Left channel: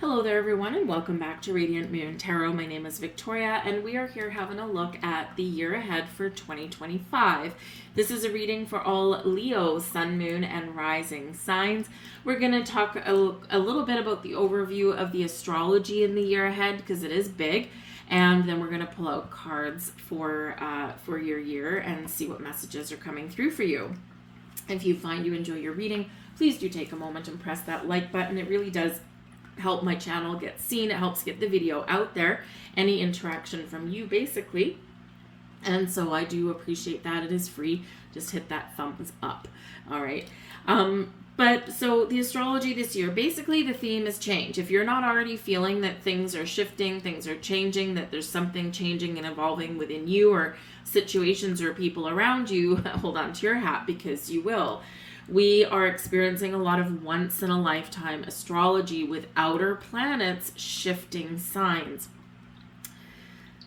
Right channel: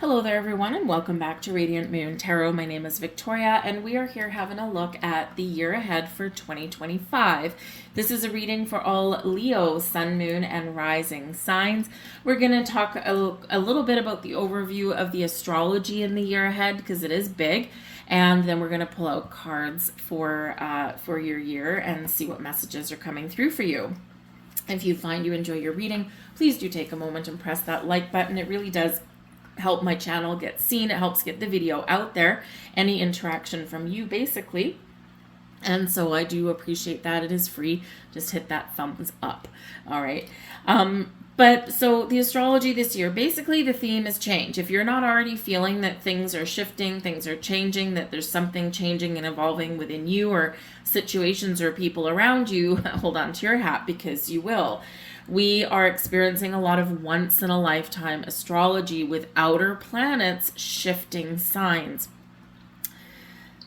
Hello there, everyone, and welcome back to Radiant Moon Tarot. My name is Victoria, and we are here having a look at the year ahead for 2025. This is a reading for all Leo, Sun, Moon, and Rising signs. We're going to talk a little bit about the overview of the astrology in the year ahead because it is big, and then we're going to pull out cards for your year and see what messages are coming through for you. If you find you enjoy your reading, please do take a moment and press that like button. It really does help my channel get seen. It helps get the video out there. Any interaction from you, basically. And so I do appreciate that. It is free. Just hit that thumbs up. All right. But so the astrology this year, basically the theme is change. If you're not already feeling that things are shifting, things are changing, that there's something changing and evolving within you or situations or people around you, hold on to your hat because you will. We are experiencing a lot of once-in-a-lifetime astrology with outer planets shifting signs.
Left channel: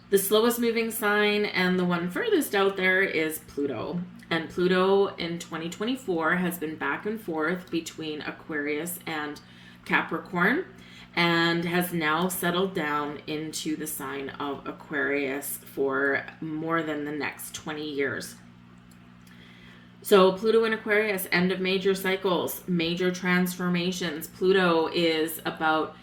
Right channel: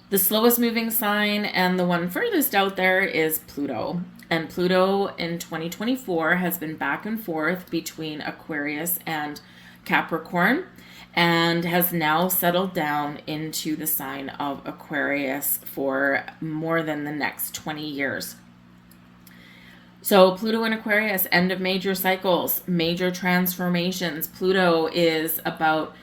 The slowest moving sign and the one furthest out there is Pluto. And Pluto in 2024 has been back and forth between Aquarius and Capricorn and has now settled down into the sign of Aquarius for more than the next 20 years. So Pluto in Aquarius, end of major cycles, major transformations. Pluto is about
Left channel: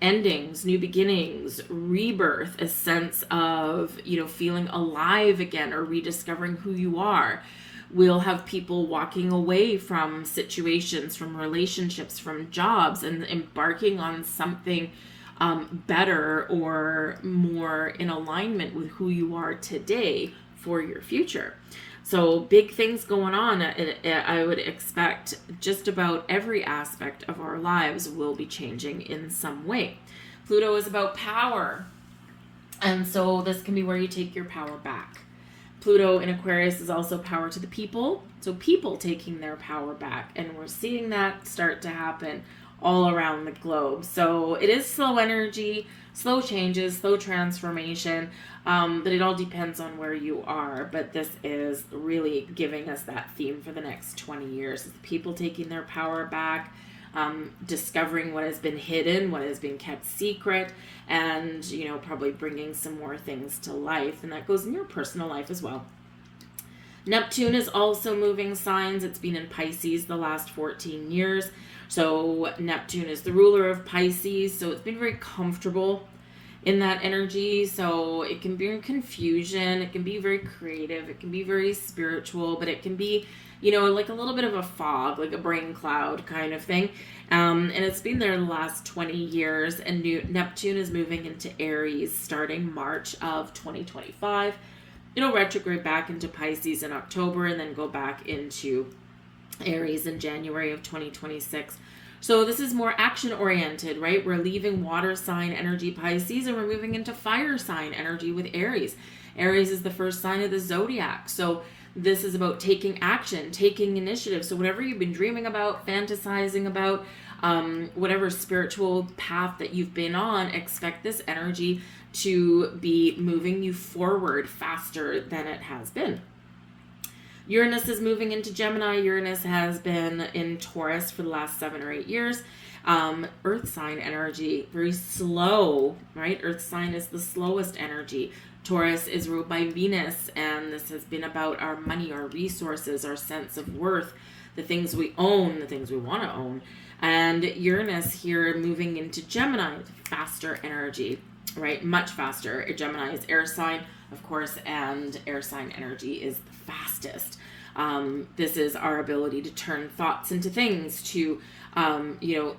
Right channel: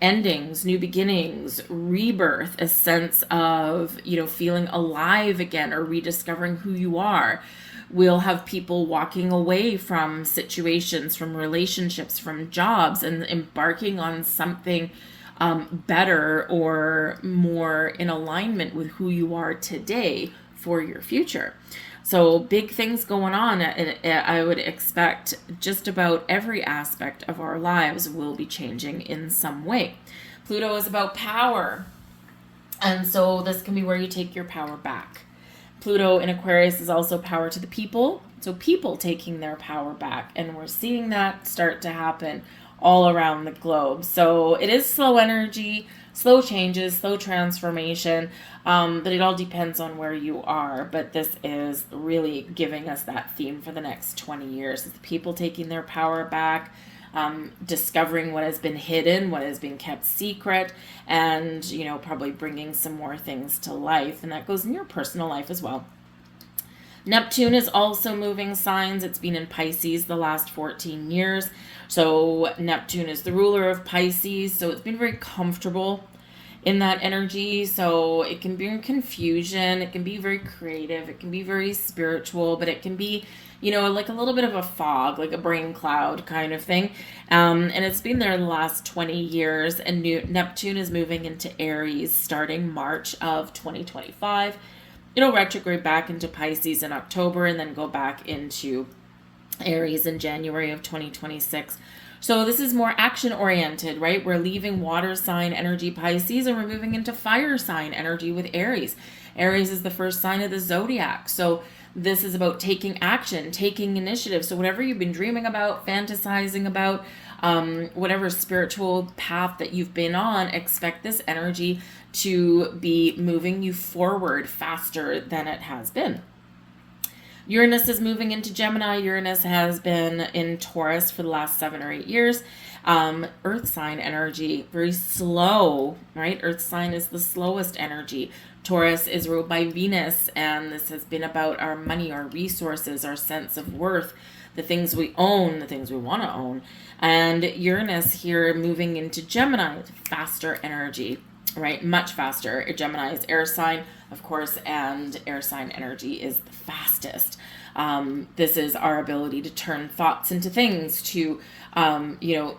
endings, new beginnings, rebirth, a sense of, feeling alive again or rediscovering who you are. We'll have people walking away from situations, from relationships, from jobs, and embarking on something better or more in alignment with who you are today for your future. So big things going on, and I would expect just about every aspect of our lives will be changing in some way. Pluto is about power, and so this can be where you take your power back. Pluto in Aquarius is also power to the people, so people taking their power back, and we're seeing that start to happen all around the globe. So it is slow energy, slow changes, slow transformation, but it all depends on where you are. But this is really giving us that theme for the next 20 years. It's people taking their power back, discovering what has been hidden, what has been kept secret, and, probably bringing some more things to life. And that goes in your personal life as well. Neptune is also moving signs. It's been in Pisces the last 14 years. So Neptune is the ruler of Pisces. So it's been very comfortable in that energy. So it can be in confusion. It can be very creative. It can be very spiritual, but it can be, like a little bit of a fog, like a brain cloud kind of thing. And it's been there the last 20 years. And Neptune is moving into Aries starting March of 2025. It'll retrograde back into Pisces in October and then go back into Aries in January of 2026. So this is more action-oriented, right? We're leaving water sign energy Pisces and we're moving into fire sign energy with Aries. Aries is the first sign of the zodiac. So this is about taking action, taking initiative. So whatever you've been dreaming about, fantasizing about, whatever spiritual path that you've been on, expect this energy to be moving you forward faster than it has been. Uranus is moving into Gemini. Uranus has been in Taurus for the last 7 or 8 years. Earth sign energy, very slow, right? Earth sign is the slowest energy. Taurus is ruled by Venus, and this has been about our money, our resources, our sense of worth, the things we own, the things we want to own. And Uranus here moving into Gemini, faster energy. Right, much faster. Gemini is air sign, of course, and air sign energy is the fastest. This is our ability to turn thoughts into things, to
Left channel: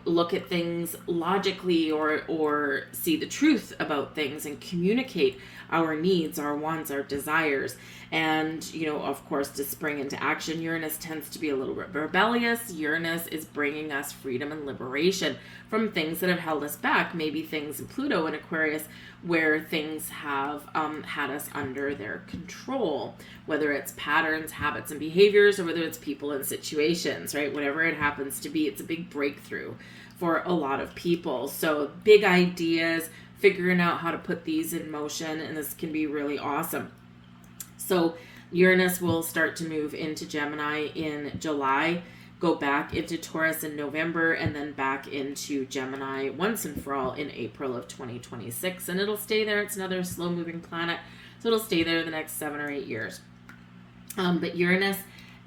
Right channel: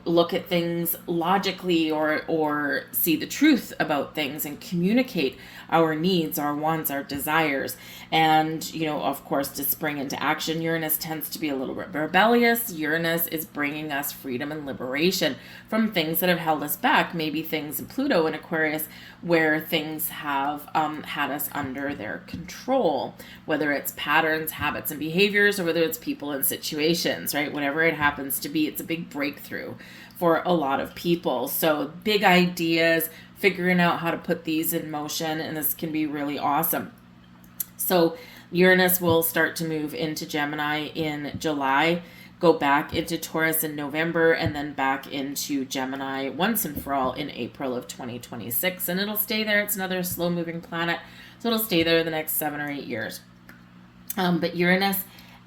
look at things logically or see the truth about things and communicate our needs, our wants, our desires. And, of course, to spring into action. Uranus tends to be a little bit rebellious. Uranus is bringing us freedom and liberation from things that have held us back. Maybe things in Pluto and Aquarius where things have had us under their control, whether it's patterns, habits, and behaviors, or whether it's people and situations, right? Whatever it happens to be, it's a big breakthrough for a lot of people. So big ideas, figuring out how to put these in motion, and this can be really awesome. So Uranus will start to move into Gemini in July go back into Taurus in November and then back into Gemini once and for all in April of 2026. And it'll stay there. It's another slow-moving planet, so it'll stay there the next 7 or 8 years. But Uranus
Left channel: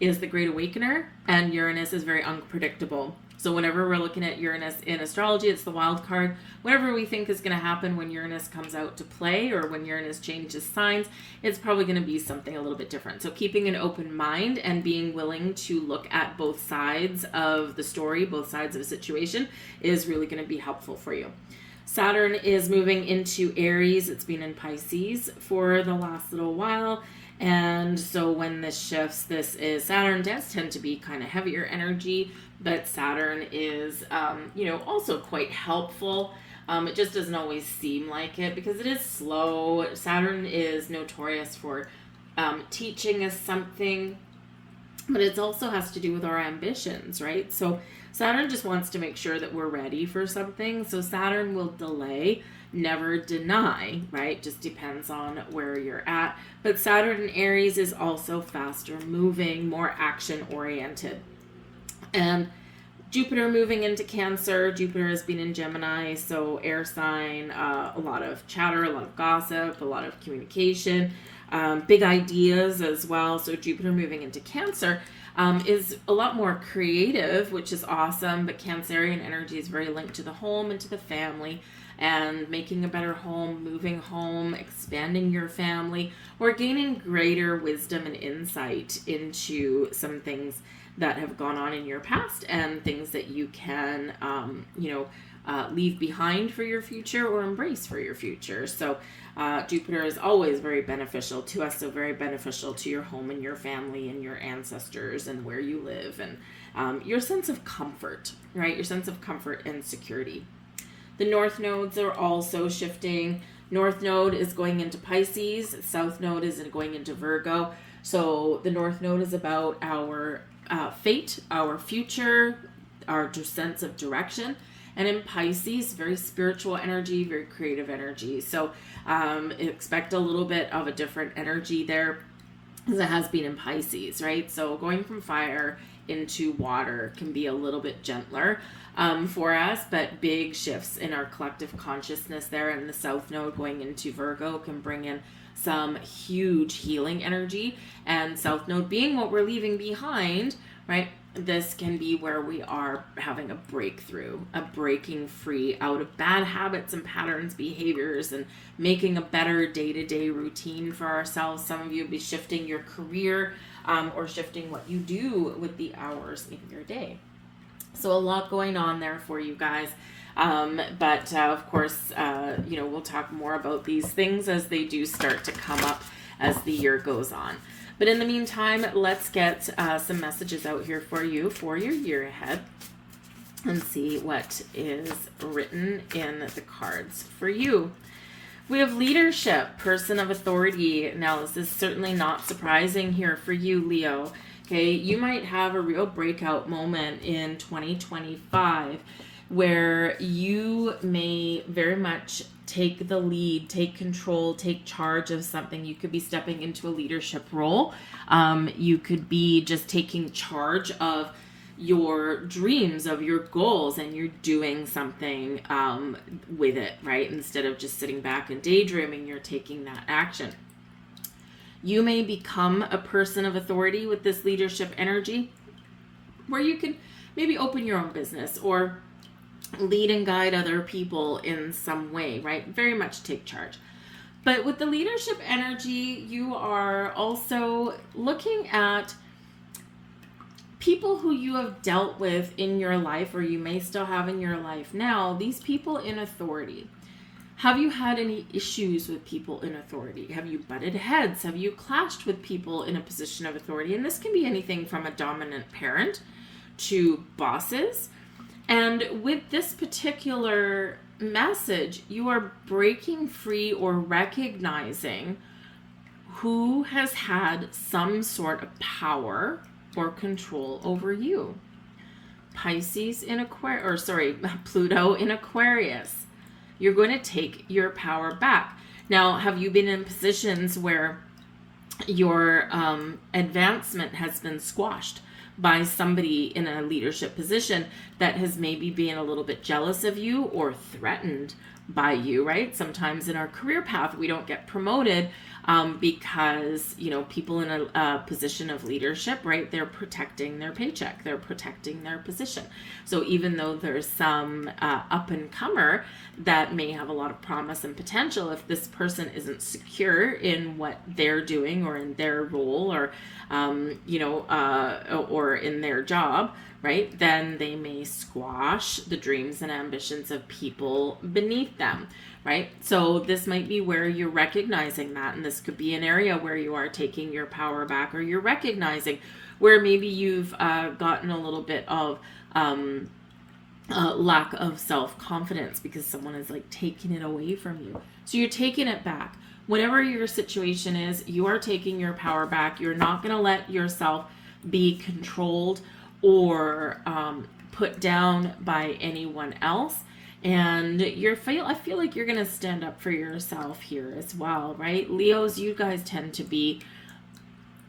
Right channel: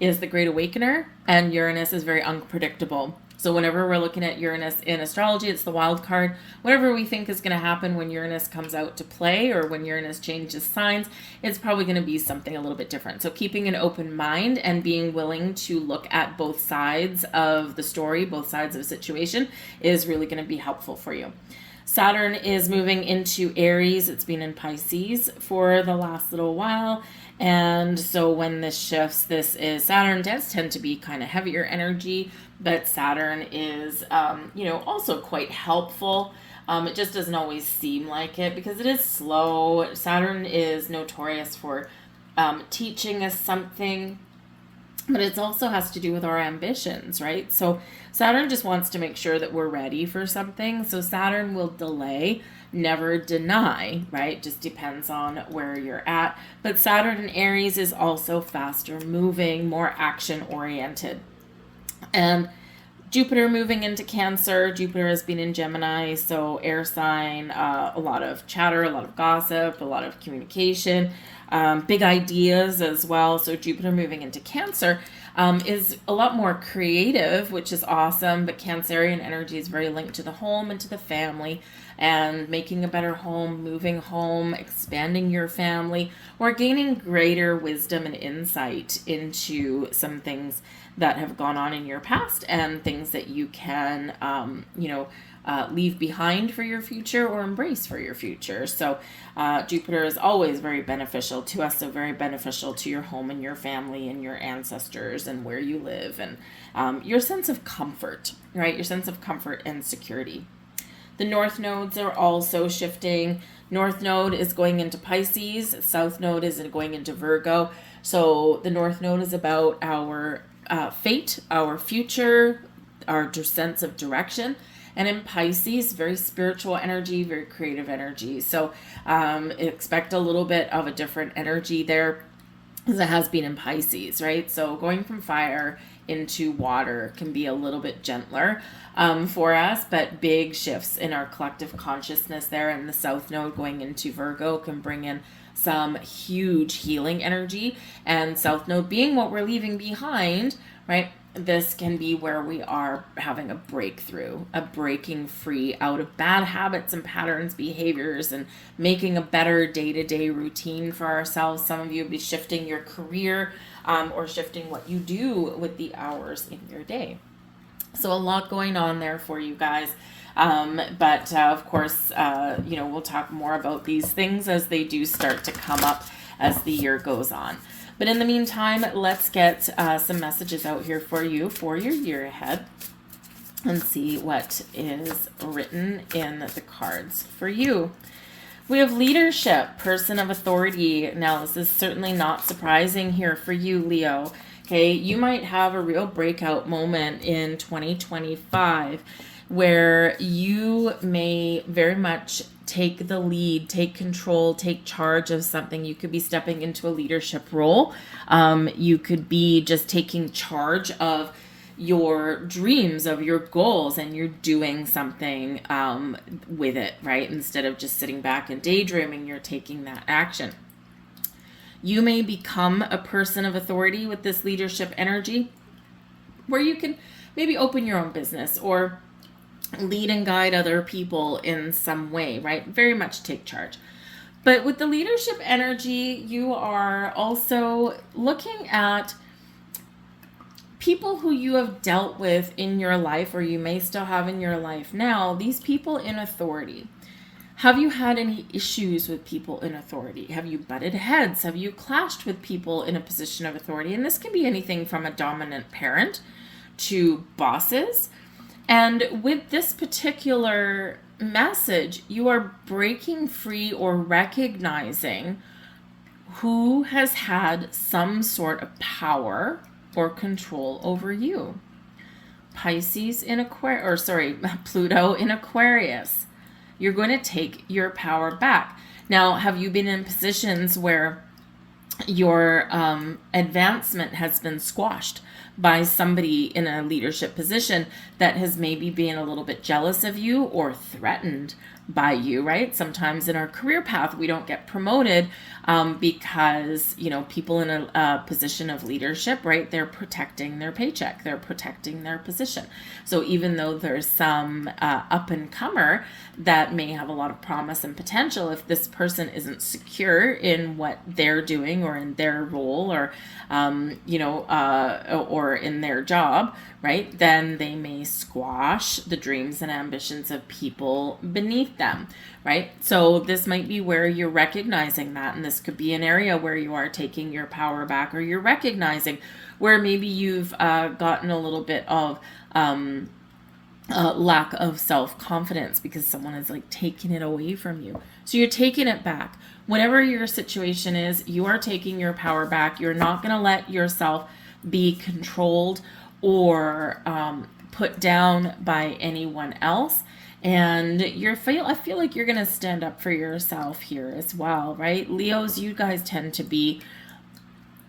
is the Great Awakener, and Uranus is very unpredictable. So whenever we're looking at Uranus in astrology, it's the wild card. Whatever we think is going to happen when Uranus comes out to play or when Uranus changes signs, it's probably going to be something a little bit different. So keeping an open mind and being willing to look at both sides of the story, both sides of a situation, is really going to be helpful for you. Saturn is moving into Aries. It's been in Pisces for the last little while. And so when this shifts, Saturn does tend to be kind of heavier energy, but Saturn is, also quite helpful. It just doesn't always seem like it because it is slow. Saturn is notorious for teaching us something, but it also has to do with our ambitions, right? So Saturn just wants to make sure that we're ready for something. So Saturn will delay, never deny, right? Just depends on where you're at. But Saturn in Aries is also faster moving, more action oriented. And Jupiter moving into Cancer. Jupiter has been in Gemini, so air sign, a lot of chatter, a lot of gossip, a lot of communication, big ideas as well. So Jupiter moving into Cancer is a lot more creative, which is awesome. But Cancerian energy is very linked to the home and to the family and making a better home, moving home, expanding your family, or gaining greater wisdom and insight into some things that have gone on in your past and things that you can, leave behind for your future or embrace for your future. So Jupiter is always very beneficial to us, so very beneficial to your home and your family and your ancestors and where you live and your sense of comfort, right? Your sense of comfort and security. The North nodes are also shifting. North node is going into Pisces. South node is going into Virgo. So the North node is about our fate, our future, our sense of direction. And in Pisces, very spiritual energy, very creative energy. So expect a little bit of a different energy there as it has been in Pisces, right? So going from fire into water can be a little bit gentler for us, but big shifts in our collective consciousness there. And the South node going into Virgo can bring in some huge healing energy. And South node being what we're leaving behind, right? This can be where we are having a breakthrough, a breaking free out of bad habits and patterns, behaviors, and making a better day-to-day routine for ourselves. Some of you will be shifting your career or shifting what you do with the hours in your day. So a lot going on there for you guys. But of course, we'll talk more about these things as they do start to come up as the year goes on. But in the meantime, let's get some messages out here for you for your year ahead and see what is written in the cards for you. We have leadership, person of authority. Now, this is certainly not surprising here for you, Leo. Okay, you might have a real breakout moment in 2025 where you may very much take the lead, take control, take charge of something. You could be stepping into a leadership role. You could be just taking charge of your dreams, of your goals, and you're doing something with it, right? Instead of just sitting back and daydreaming, you're taking that action. You may become a person of authority with this leadership energy where you can maybe open your own business or lead and guide other people in some way, right? Very much take charge. But with the leadership energy, you are also looking at people who you have dealt with in your life, or you may still have in your life now, these people in authority. Have you had any issues with people in authority? Have you butted heads? Have you clashed with people in a position of authority? And this can be anything from a dominant parent to bosses. And with this particular message, you are breaking free or recognizing who has had some sort of power or control over you. Pisces in Pluto in Aquarius. You're going to take your power back. Now, have you been in positions where your advancement has been squashed by somebody in a leadership position that has maybe been a little bit jealous of you or threatened by you, right? Sometimes in our career path, we don't get promoted because, people in a position of leadership, right? They're protecting their paycheck. They're protecting their position. So even though there's some up and comer that may have a lot of promise and potential, if this person isn't secure in what they're doing or in their role or, or in their job, right, then they may squash the dreams and ambitions of people beneath them, right? So this might be where you're recognizing that, and this could be an area where you are taking your power back, or you're recognizing where maybe you've gotten a little bit of lack of self-confidence because someone is like taking it away from you. So you're taking it back. Whatever your situation is, you are taking your power back. You're not going to let yourself be controlled or put down by anyone else. And I feel like you're going to stand up for yourself here as well, right? Leos, you guys tend to be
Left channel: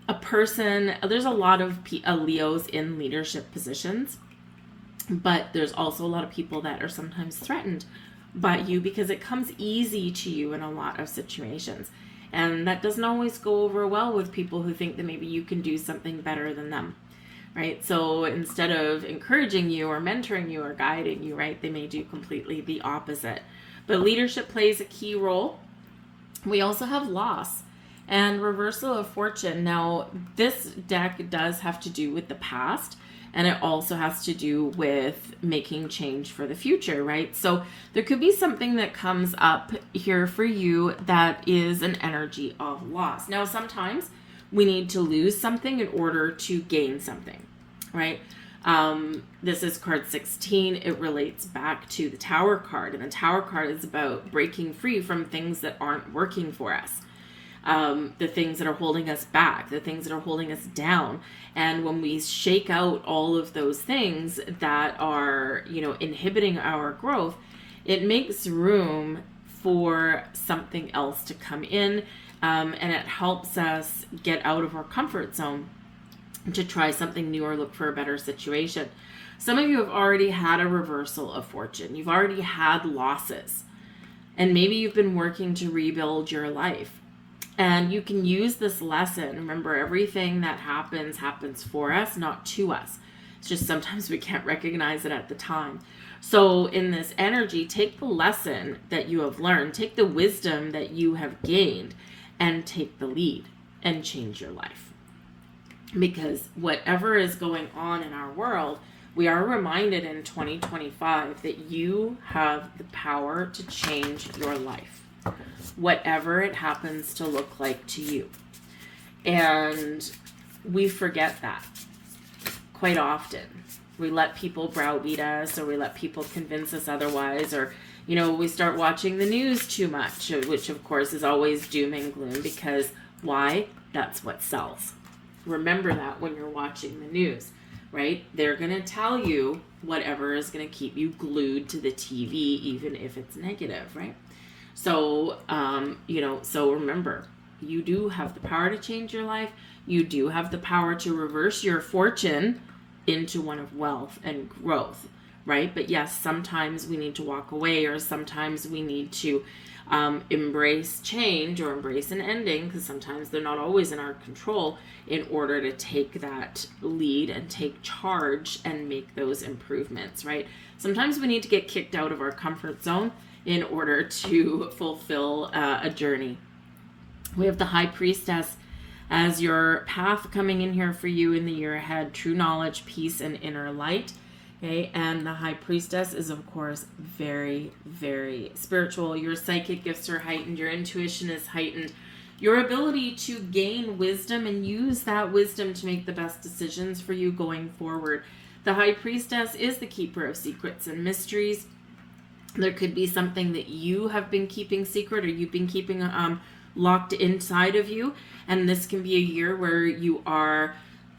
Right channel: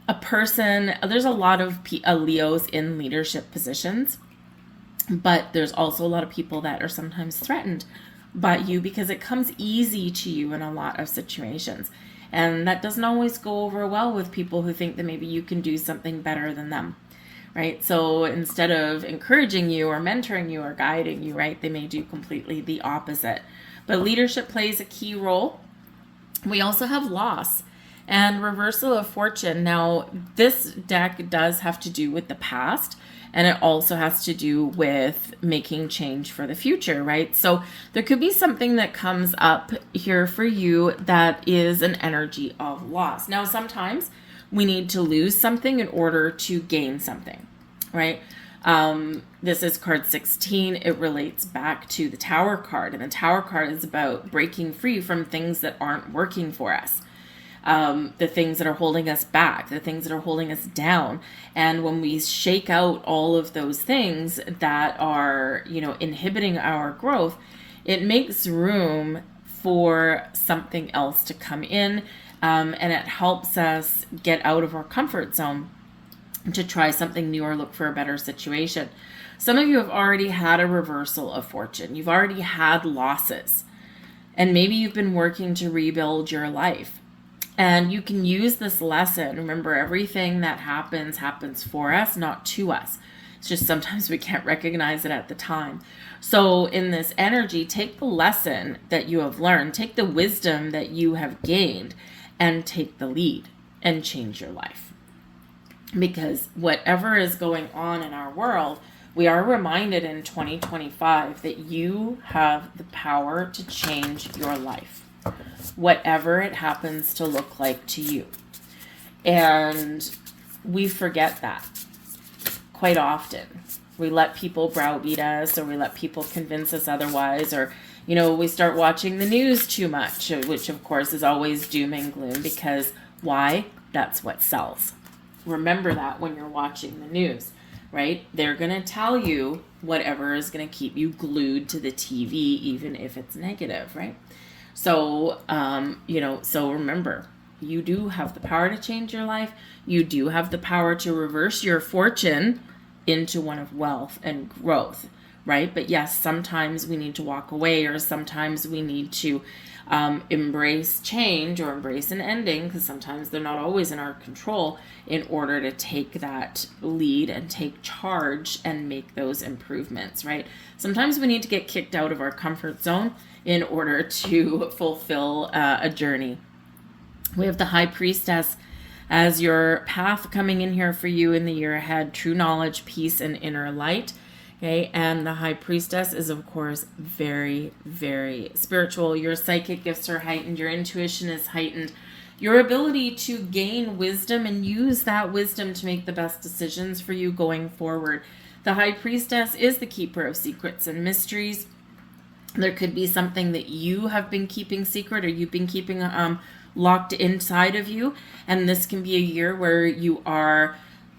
a person, there's a lot of Leos in leadership positions, but there's also a lot of people that are sometimes threatened by you because it comes easy to you in a lot of situations. And that doesn't always go over well with people who think that maybe you can do something better than them. Right? So instead of encouraging you or mentoring you or guiding you, right, they may do completely the opposite. But leadership plays a key role. We also have loss and reversal of fortune. Now, this deck does have to do with the past, and it also has to do with making change for the future, right? So there could be something that comes up here for you that is an energy of loss. Now, sometimes we need to lose something in order to gain something, right? This is card 16. It relates back to the Tower card, and the Tower card is about breaking free from things that aren't working for us. The things that are holding us back, the things that are holding us down. And when we shake out all of those things that are, inhibiting our growth, it makes room for something else to come in. And it helps us get out of our comfort zone to try something new or look for a better situation. Some of you have already had a reversal of fortune. You've already had losses. And maybe you've been working to rebuild your life. And you can use this lesson. Remember, everything that happens for us, not to us. It's just sometimes we can't recognize it at the time. So in this energy, take the lesson that you have learned, take the wisdom that you have gained, and take the lead and change your life. Because whatever is going on in our world, we are reminded in 2025 that you have the power to change your life, whatever it happens to look like to you. And we forget that quite often. We let people browbeat us, or we let people convince us otherwise, or, we start watching the news too much, which of course is always doom and gloom, because why? That's what sells. Remember that when you're watching the news, right? They're going to tell you whatever is going to keep you glued to the TV, even if it's negative, right? So, so remember, you do have the power to change your life. You do have the power to reverse your fortune into one of wealth and growth, right? But yes, sometimes we need to walk away, or sometimes we need to embrace change or embrace an ending, because sometimes they're not always in our control, in order to take that lead and take charge and make those improvements, right? Sometimes we need to get kicked out of our comfort zone in order to fulfill a journey. We have the High Priestess as your path coming in here for you in the year ahead: true knowledge, peace, and inner light. Okay, and the High Priestess is, of course, very, very spiritual. Your psychic gifts are heightened. Your intuition is heightened. Your ability to gain wisdom and use that wisdom to make the best decisions for you going forward. The High Priestess is the keeper of secrets and mysteries. There could be something that you have been keeping secret, or you've been keeping locked inside of you. And this can be a year where you are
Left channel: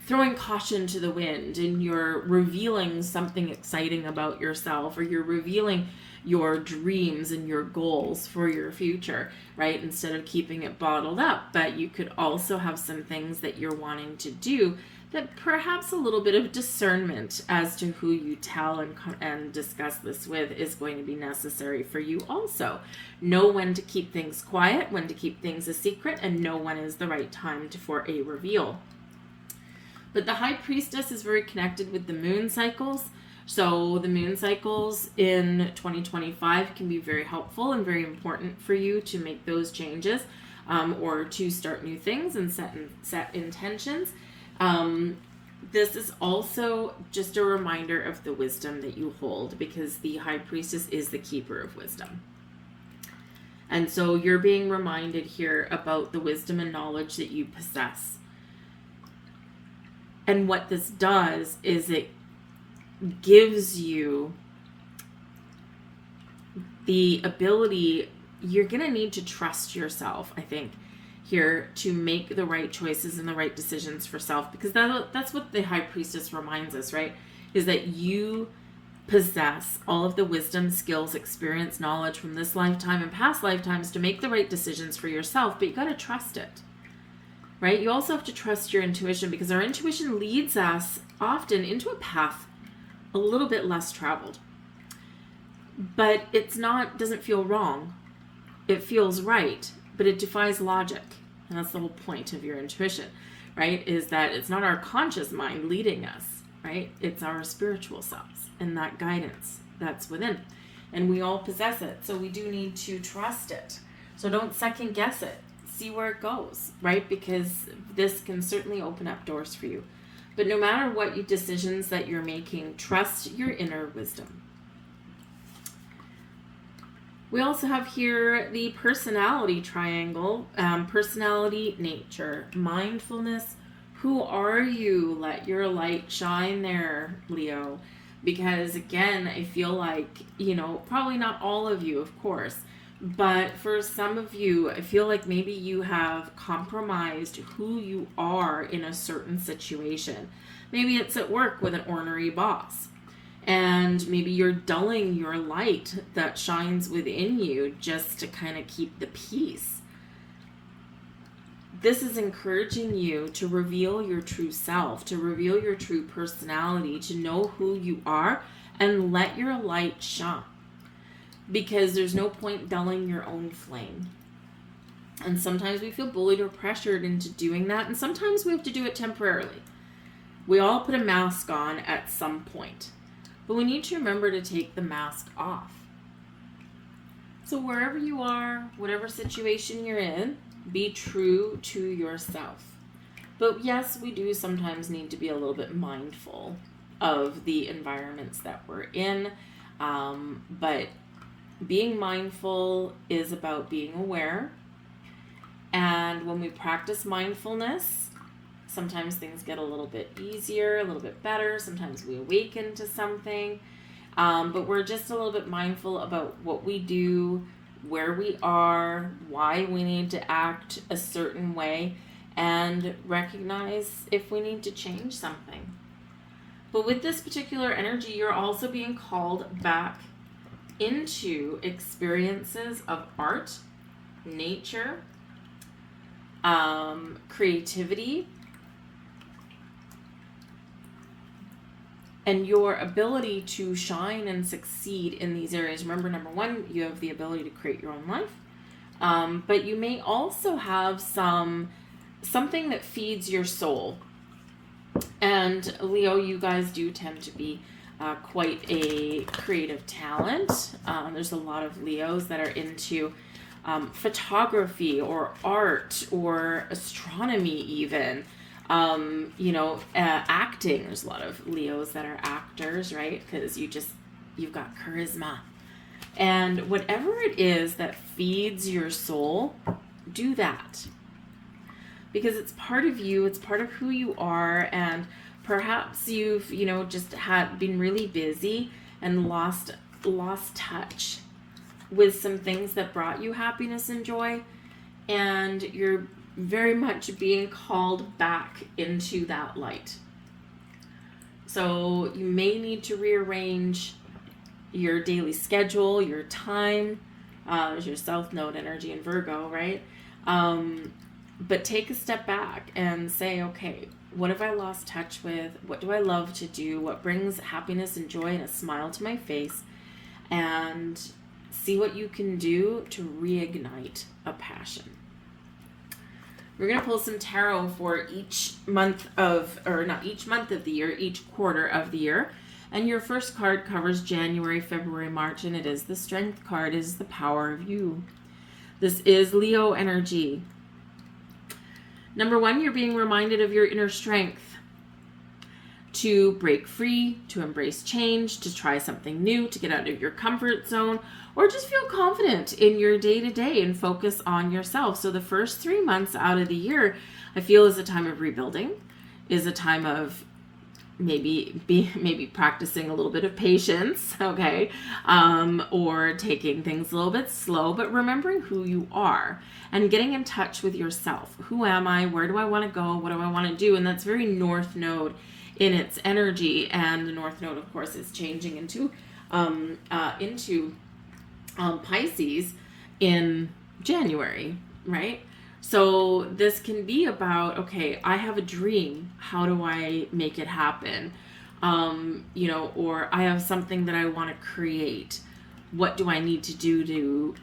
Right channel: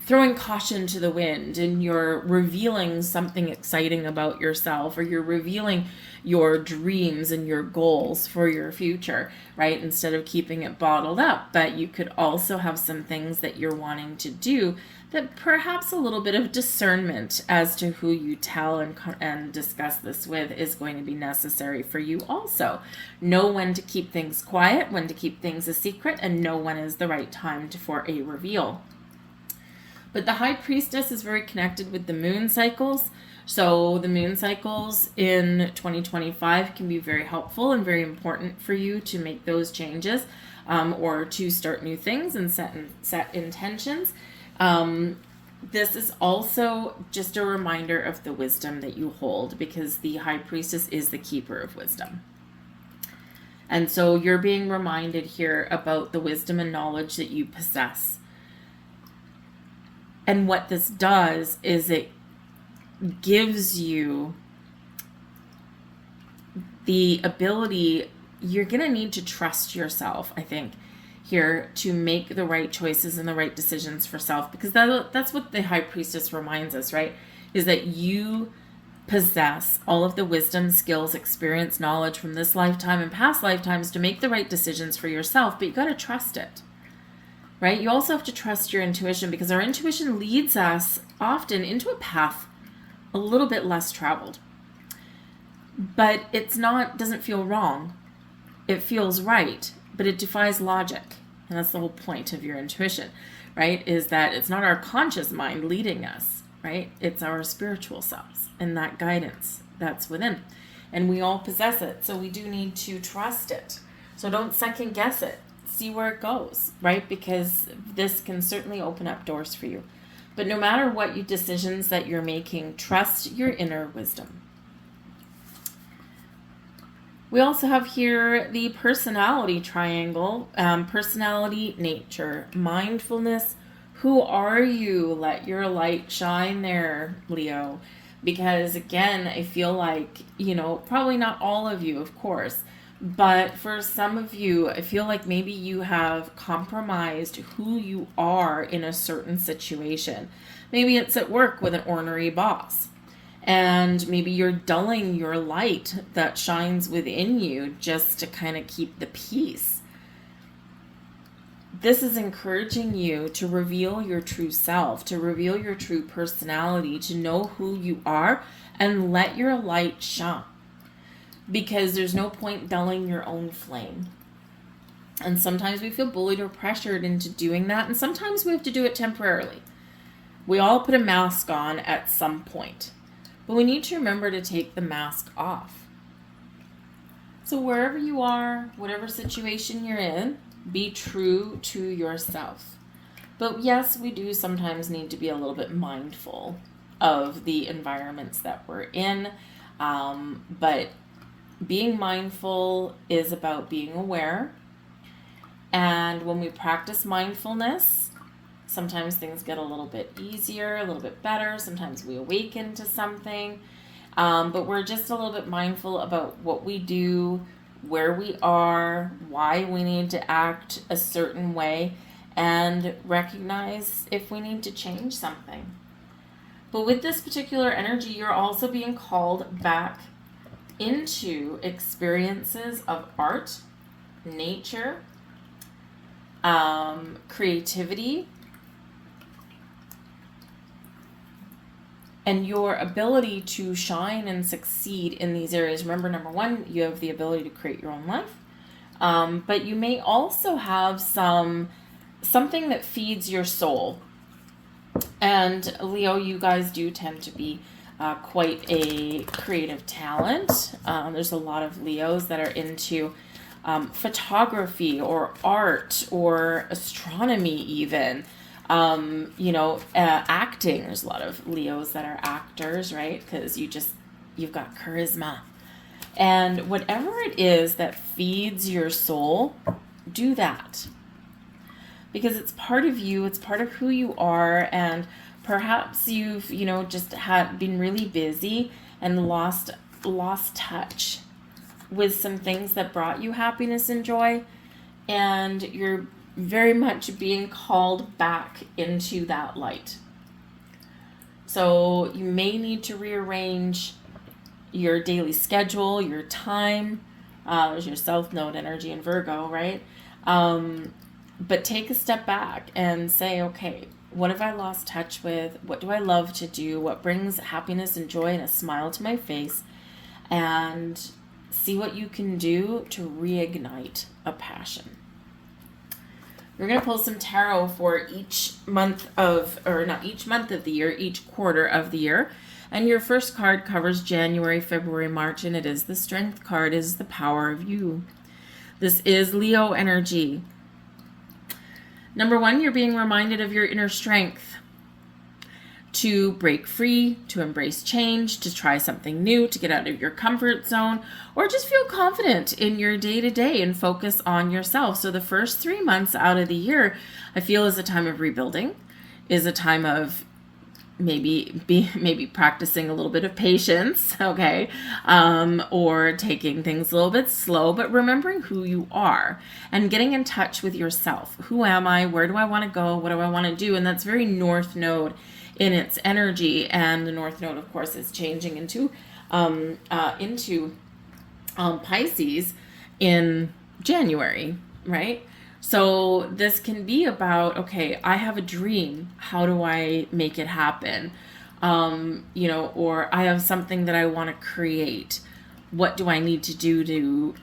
throwing caution to the wind, and you're revealing something exciting about yourself, or you're revealing your dreams and your goals for your future, right? Instead of keeping it bottled up. But you could also have some things that you're wanting to do that perhaps a little bit of discernment as to who you tell and discuss this with is going to be necessary for you also. Know when to keep things quiet, when to keep things a secret, and know when is the right time for a reveal. But the High Priestess is very connected with the moon cycles. So the moon cycles in 2025 can be very helpful and very important for you to make those changes, or to start new things and set intentions. This is also just a reminder of the wisdom that you hold, because the High Priestess is the keeper of wisdom. And so you're being reminded here about the wisdom and knowledge that you possess. And what this does is it gives you the ability. You're going to need to trust yourself, I think, here to make the right choices and the right decisions for self, because that's what the High Priestess reminds us, right? Is that you possess all of the wisdom, skills, experience, knowledge from this lifetime and past lifetimes to make the right decisions for yourself, but you got to trust it, right? You also have to trust your intuition, because our intuition leads us often into a path a little bit less traveled, but doesn't feel wrong. It feels right, but it defies logic. And that's the whole point of your intuition, right? Is that it's not our conscious mind leading us, right? It's our spiritual selves and that guidance that's within. And we all possess it. So we do need to trust it. So don't second guess it. See where it goes, right? Because this can certainly open up doors for you. But no matter what decisions that you're making, trust your inner wisdom. We also have here the personality triangle, personality, nature, mindfulness. Who are you? Let your light shine there, Leo. Because again, I feel like, probably not all of you, of course, but for some of you, I feel like maybe you have compromised who you are in a certain situation. Maybe it's at work with an ornery boss. And maybe you're dulling your light that shines within you just to kind of keep the peace. This is encouraging you to reveal your true self, to reveal your true personality, to know who you are and let your light shine. Because there's no point dulling your own flame. And sometimes we feel bullied or pressured into doing that. And sometimes we have to do it temporarily. We all put a mask on at some point. But we need to remember to take the mask off. So wherever you are, whatever situation you're in, be true to yourself. But yes, we do sometimes need to be a little bit mindful of the environments that we're in. But being mindful is about being aware. And when we practice mindfulness, sometimes things get a little bit easier, a little bit better. Sometimes we awaken to something. But we're just a little bit mindful about what we do, where we are, why we need to act a certain way, and recognize if we need to change something. But with this particular energy, you're also being called back into experiences of art, nature, creativity, and your ability to shine and succeed in these areas. Remember, number one, you have the ability to create your own life. But you may also have something that feeds your soul. And Leo, you guys do tend to be quite a creative talent. There's a lot of Leos that are into photography or art or astronomy even. Acting. There's a lot of Leos that are actors, right? Because you've got charisma. And whatever it is that feeds your soul, do that. Because it's part of you, it's part of who you are, and perhaps you've, just been really busy and lost touch with some things that brought you happiness and joy, and you're very much being called back into that light. So you may need to rearrange your daily schedule, your time. There's your South Node energy in Virgo, right? But take a step back and say, okay, What have I lost touch with? What do I love to do? What brings happiness and joy and a smile to my face? And see what you can do to reignite a passion. We're going to pull some tarot for each month of, or not each month of the year, each quarter of the year. And your first card covers January, February, March, and it is the Strength card, is the power of you. This is Leo energy. Number one, you're being reminded of your inner strength to break free, to embrace change, to try something new, to get out of your comfort zone, or just feel confident in your day-to-day and focus on yourself. So the first 3 months out of the year, I feel, is a time of rebuilding, is a time of maybe practicing a little bit of patience, okay, or taking things a little bit slow, but remembering who you are and getting in touch with yourself. Who am I? Where do I want to go? What do I want to do? And that's very North Node in its energy, and the North Node, of course, is changing into Pisces in January, right? So this can be about, okay, I have a dream. How do I make it happen? Or I have something that I want to create. What do I need to do to,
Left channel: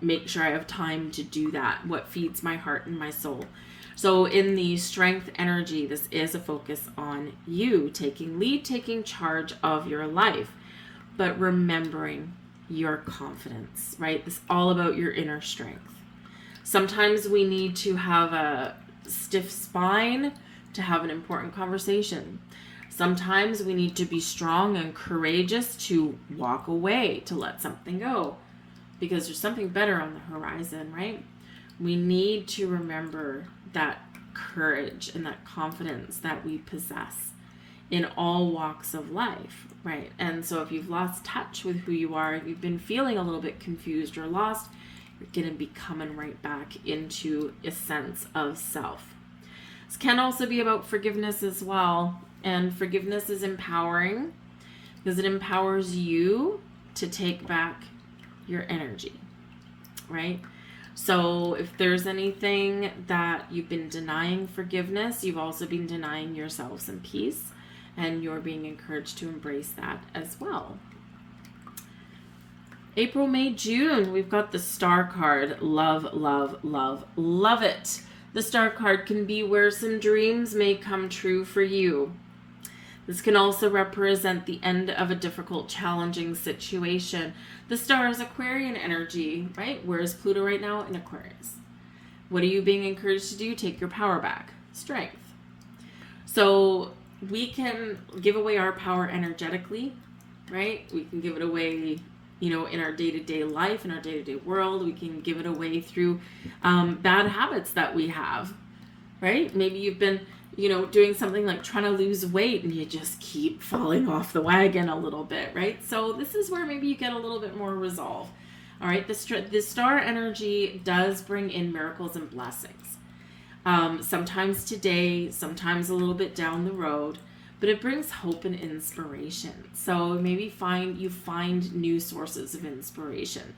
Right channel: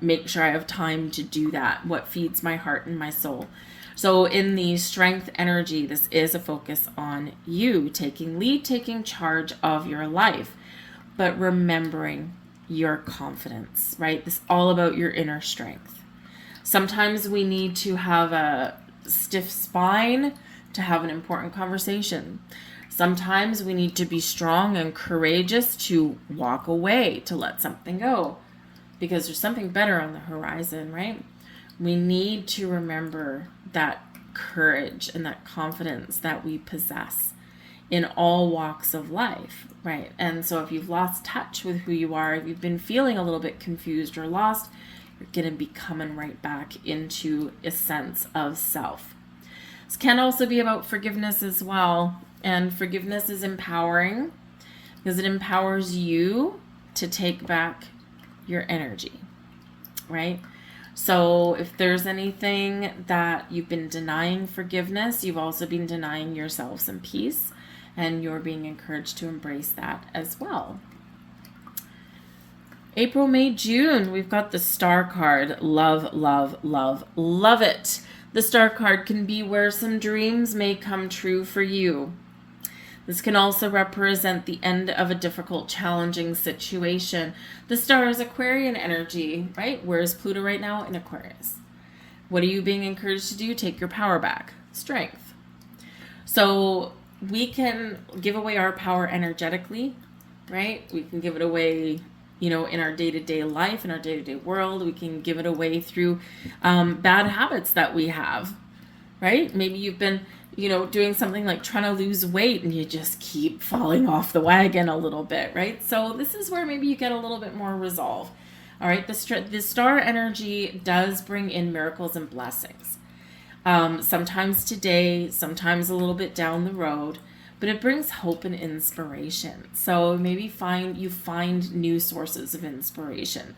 make sure I have time to do that? What feeds my heart and my soul? So in the Strength energy, this is a focus on you taking lead, taking charge of your life, but remembering your confidence, right? This is all about your inner strength. Sometimes we need to have a stiff spine to have an important conversation. Sometimes we need to be strong and courageous to walk away, to let something go, because there's something better on the horizon, right? We need to remember that courage and that confidence that we possess in all walks of life, right? And so if you've lost touch with who you are, if you've been feeling a little bit confused or lost, you're going to be coming right back into a sense of self. This can also be about forgiveness as well. And forgiveness is empowering because it empowers you to take back your energy, right? So if there's anything that you've been denying forgiveness, you've also been denying yourself some peace, and you're being encouraged to embrace that as well. April, May, June, we've got the Star card. Love, love, love, love it. The Star card can be where some dreams may come true for you. This can also represent the end of a difficult, challenging situation. The Star is Aquarian energy, right? Where is Pluto right now? In Aquarius. What are you being encouraged to do? Take your power back. Strength. So we can give away our power energetically, right? We can give it away, in our day-to-day life, in our day-to-day world. We can give it away through bad habits that we have, right? Maybe you've been doing something like trying to lose weight and you just keep falling off the wagon a little bit, right? So this is where maybe you get a little bit more resolve. All right, the Star energy does bring in miracles and blessings. Sometimes today, sometimes a little bit down the road, but it brings hope and inspiration. So maybe you find new sources of inspiration.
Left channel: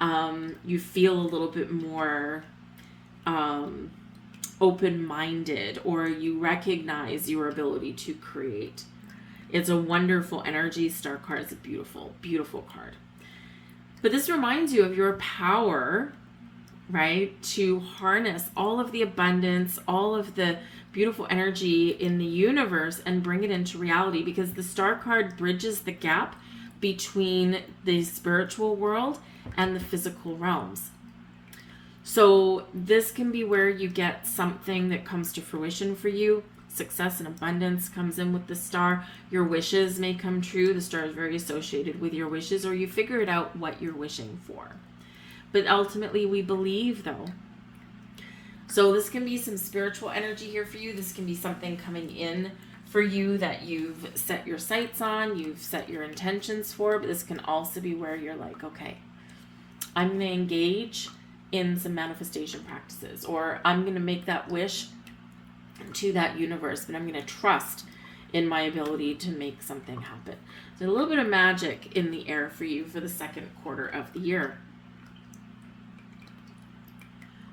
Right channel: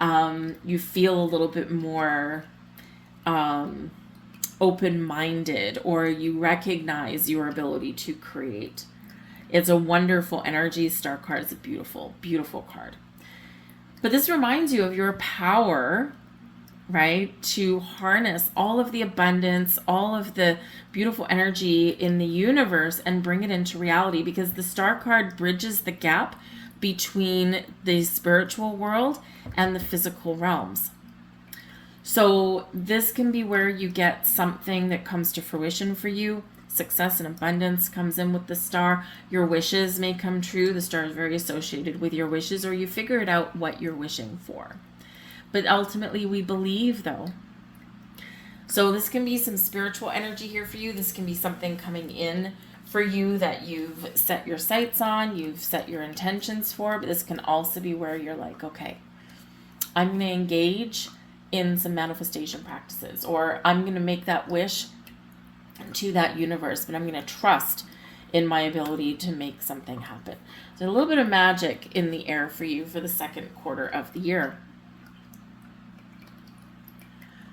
You feel a little bit more open-minded, or you recognize your ability to create. It's a wonderful energy. Star card is a beautiful, beautiful card. But this reminds you of your power, right, to harness all of the abundance, all of the beautiful energy in the universe and bring it into reality, because the Star card bridges the gap between the spiritual world and the physical realms. So this can be where you get something that comes to fruition for you. Success and abundance comes in with the Star. Your wishes may come true. The Star is very associated with your wishes, or you figure it out what you're wishing for. But ultimately, we believe, though. So this can be some spiritual energy here for you. This can be something coming in for you that you've set your sights on, you've set your intentions for. But this can also be where you're like, okay, I'm going to engage in some manifestation practices, or I'm going to make that wish to that universe, but I'm going to trust in my ability to make something happen. So a little bit of magic in the air for you for the second quarter of the year.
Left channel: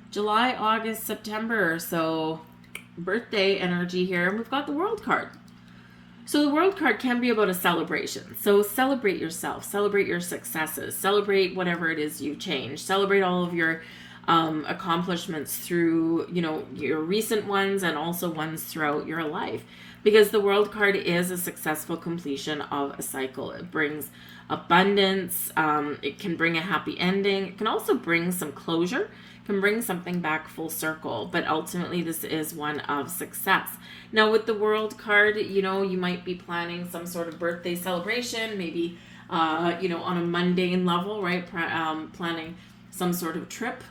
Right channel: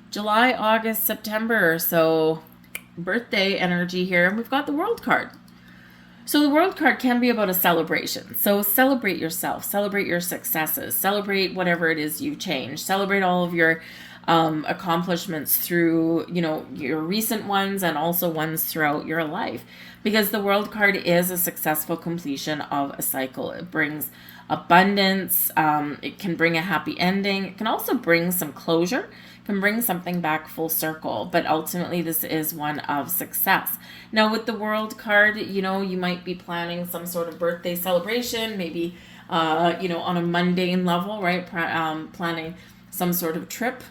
July, August, September. So birthday energy here, and we've got the World card. So the World card can be about a celebration. So celebrate yourself, celebrate your successes, celebrate whatever it is you've changed, celebrate all of your accomplishments through, your recent ones and also ones throughout your life. Because the World card is a successful completion of a cycle. It brings abundance. It can bring a happy ending. It can also bring some closure, can bring something back full circle, but ultimately this is one of success. Now with the World card, you might be planning some sort of birthday celebration, maybe, on a mundane level, right? Planning some sort of trip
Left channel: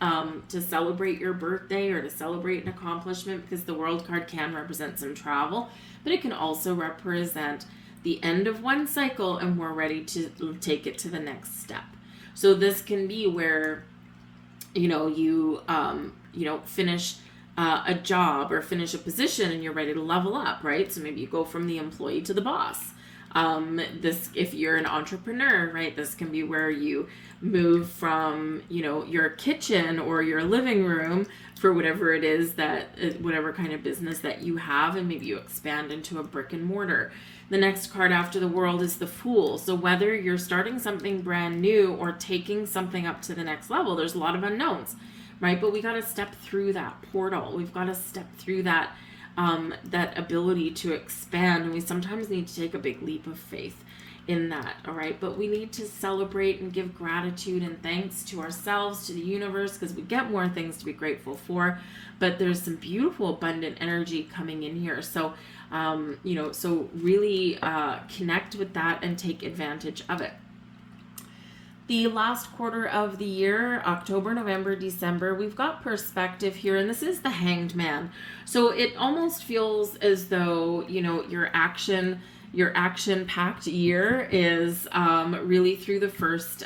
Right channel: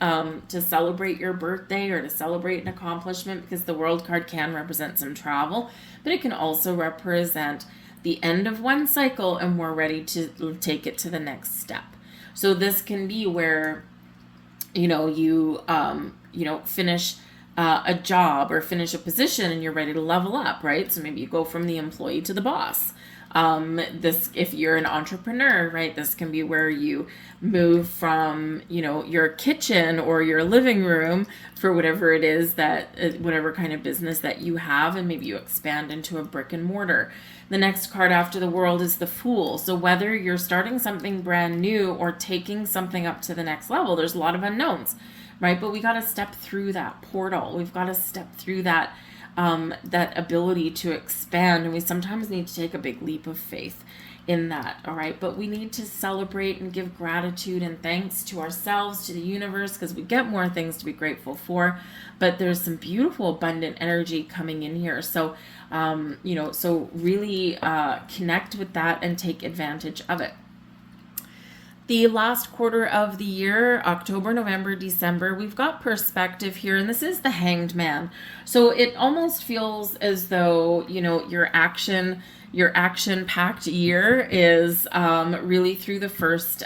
to celebrate your birthday or to celebrate an accomplishment, because the World card can represent some travel, but it can also represent the end of one cycle and we're ready to take it to the next step. So this can be where you finish a job or finish a position and you're ready to level up, right? So maybe you go from the employee to the boss. If you're an entrepreneur, right, this can be where you move from, your kitchen or your living room for whatever it is whatever kind of business that you have, and maybe you expand into a brick and mortar. The next card after the World is the Fool. So whether you're starting something brand new or taking something up to the next level, there's a lot of unknowns, right? But we got to step through that portal. We've got to step through that ability to expand. And we sometimes need to take a big leap of faith in that, all right? But we need to celebrate and give gratitude and thanks to ourselves, to the universe, because we get more things to be grateful for. But there's some beautiful, abundant energy coming in here. So, so really connect with that and take advantage of it. The last quarter of the year, October, November, December, we've got perspective here, and this is the Hanged Man. So it almost feels as though, your action-packed year is really through the first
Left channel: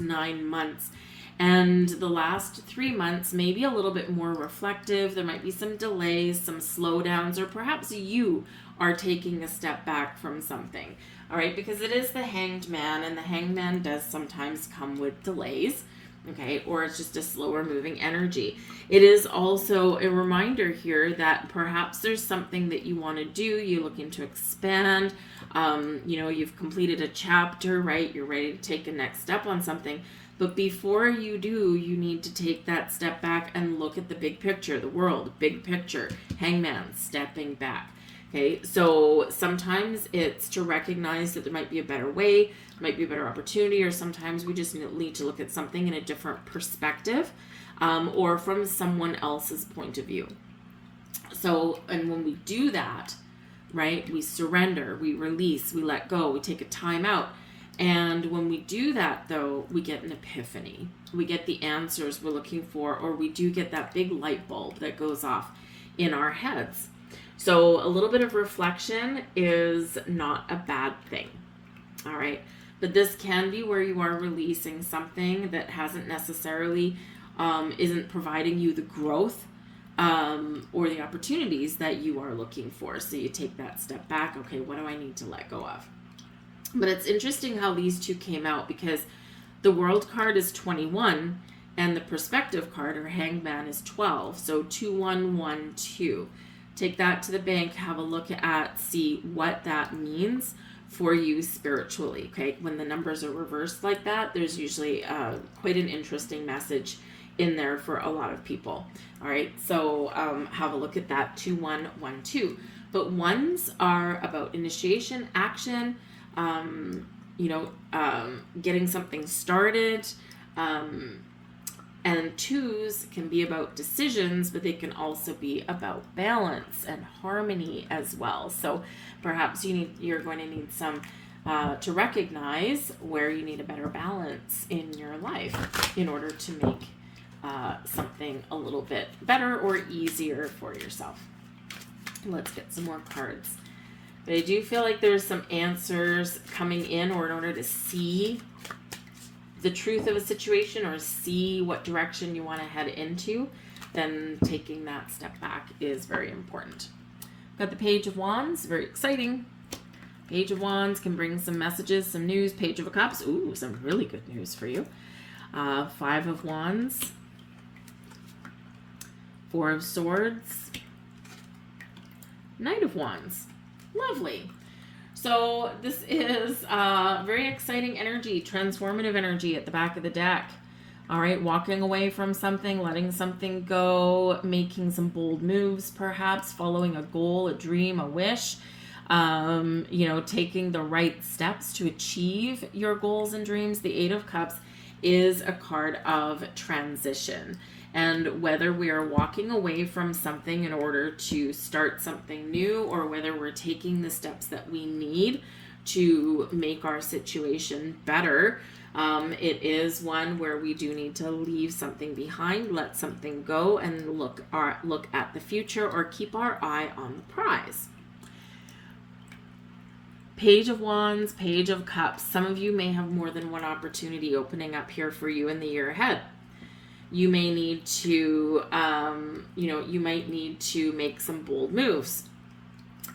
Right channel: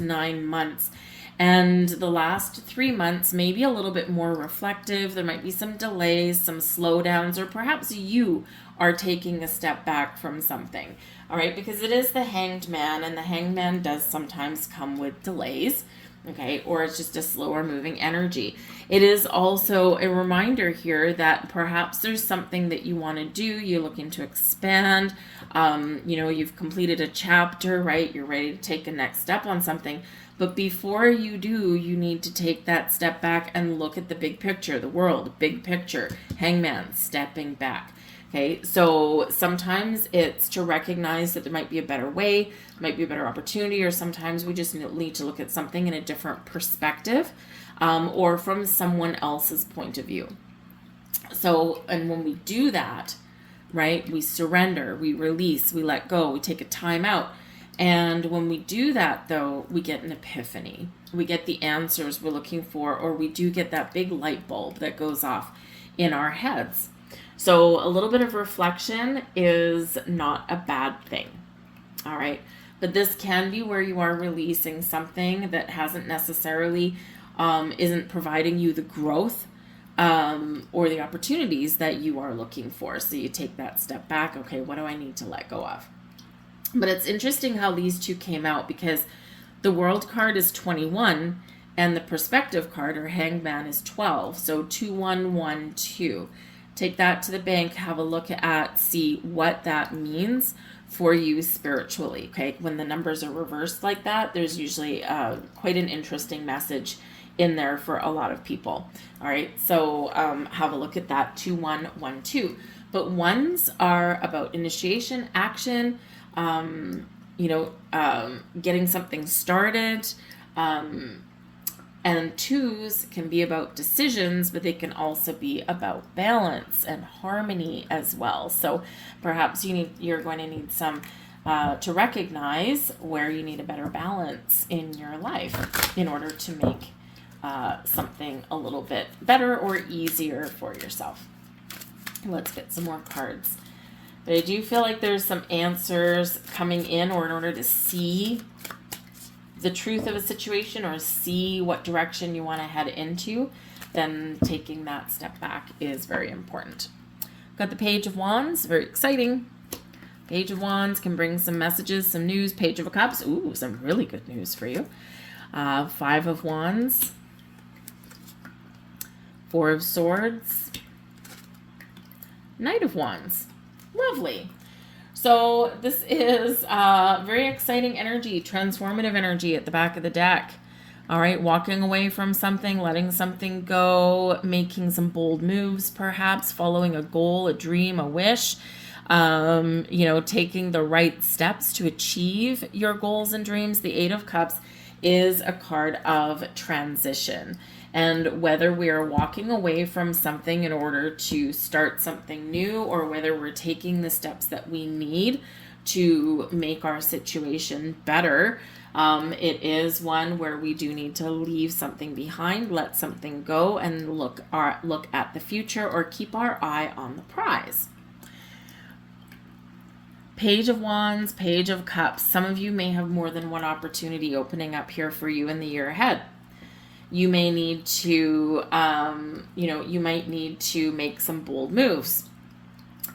9 months. And the last 3 months, maybe a little bit more reflective. There might be some delays, some slowdowns, or perhaps you are taking a step back from something. All right, because it is the Hanged Man, and the Hanged Man does sometimes come with delays, okay, or it's just a slower moving energy. It is also a reminder here that perhaps there's something that you want to do, you're looking to expand, you've completed a chapter, right, you're ready to take a next step on something, but before you do, you need to take that step back and look at the big picture, the world, big picture, Hangman, stepping back. Okay, so sometimes it's to recognize that there might be a better way, might be a better opportunity, or sometimes we just need to look at something in a different perspective, or from someone else's point of view. So, and when we do that, right, we surrender, we release, we let go, we take a time out. And when we do that, though, we get an epiphany. We get the answers we're looking for, or we do get that big light bulb that goes off in our heads. So a little bit of reflection is not a bad thing, all right? But this can be where you are releasing something that hasn't necessarily, isn't providing you the growth or the opportunities that you are looking for. So you take that step back. Okay, what do I need to let go of? But it's interesting how these two came out, because the World card is 21 and the Perspective card, or Hangman, is 12. So 2112. Take that to the bank, have a look at, see what that means for you spiritually, okay? When the numbers are reversed like that, there's usually quite an interesting message in there for a lot of people, all right? So have a look at that, 2112. But ones are about initiation, action, getting something started, and twos can be about decisions, but they can also be about balance and harmony as well. So perhaps you're going to need some to recognize where you need a better balance in your life in order to make something a little bit better or easier for yourself. Let's get some more cards. But I do feel like there's some answers coming in, or in order to see the truth of a situation or see what direction you want to head into, then taking that step back is very important. Got the Page of Wands, very exciting. Page of Wands can bring some messages, some news. Page of Cups, ooh, some really good news for you. 5 of Wands, 4 of Swords, Knight of Wands. Lovely. So this is very exciting energy, transformative energy at the back of the deck. All right, walking away from something, letting something go, making some bold moves, perhaps following a goal, a dream, a wish, taking the right steps to achieve your goals and dreams. The Eight of Cups is a card of transition. And whether we are walking away from something in order to start something new, or whether we're taking the steps that we need to make our situation better, it is one where we do need to leave something behind, let something go, and look at the future, or keep our eye on the prize. Page of Wands, Page of Cups. Some of you may have more than one opportunity opening up here for you in the year ahead. You may need to, you might need to make some bold moves.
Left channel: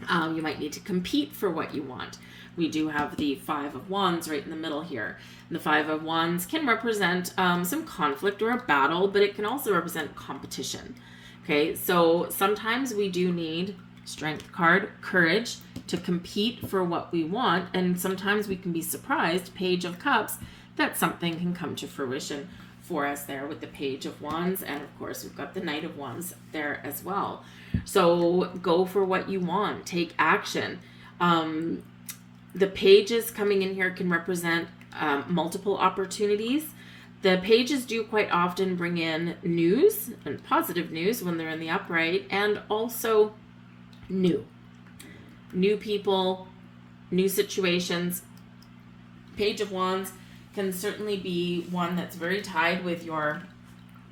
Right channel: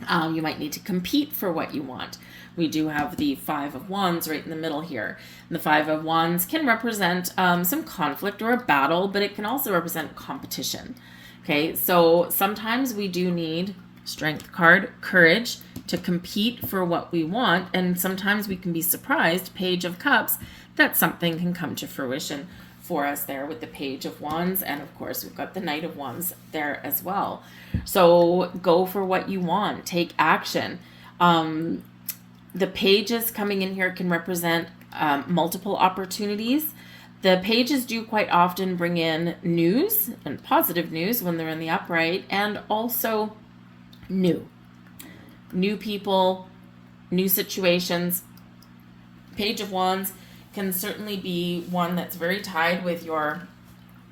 You might need to compete for what you want. We do have the Five of Wands right in the middle here. And the Five of Wands can represent some conflict or a battle, but it can also represent competition. Okay, so sometimes we do need, Strength card, courage to compete for what we want, and sometimes we can be surprised, Page of Cups, that something can come to fruition for us there with the Page of Wands, and of course we've got the Knight of Wands there as well. So go for what you want, take action. The pages coming in here can represent multiple opportunities. The pages do quite often bring in news and positive news when they're in the upright, and also new people, new situations. Page of Wands can certainly be one that's very tied with your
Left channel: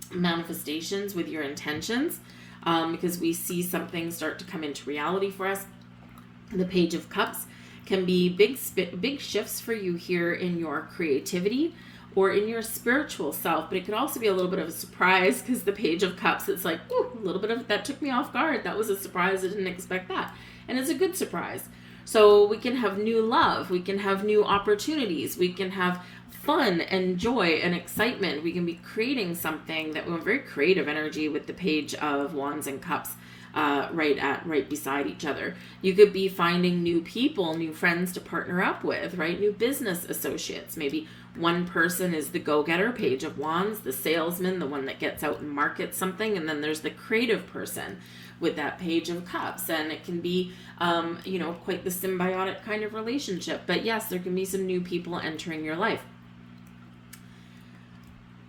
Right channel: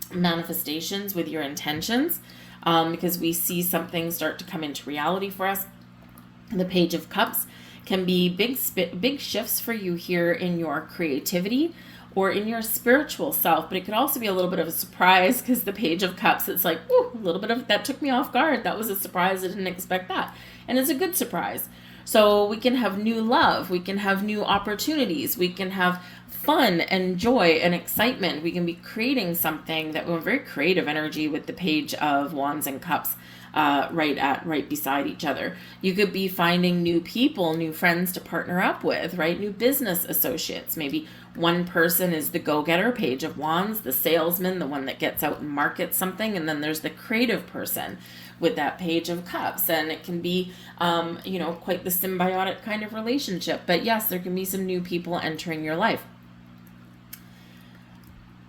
manifestations, with your intentions, because we see something start to come into reality for us. The Page of Cups can be big shifts for you here in your creativity or in your spiritual self, but it could also be a little bit of a surprise, because the Page of Cups, it's like, ooh, a little bit of that took me off guard. That was a surprise. I didn't expect that. And it's a good surprise. So we can have new love. We can have new opportunities. We can have fun and joy and excitement. We can be creating something that we're very creative energy with the Page of Wands and Cups right beside each other. You could be finding new people, new friends to partner up with, right? New business associates. Maybe one person is the go-getter, Page of Wands, the salesman, the one that gets out and markets something, and then there's the creative person with that Page of Cups, and it can be quite the symbiotic kind of relationship. But yes, there can be some new people entering your life.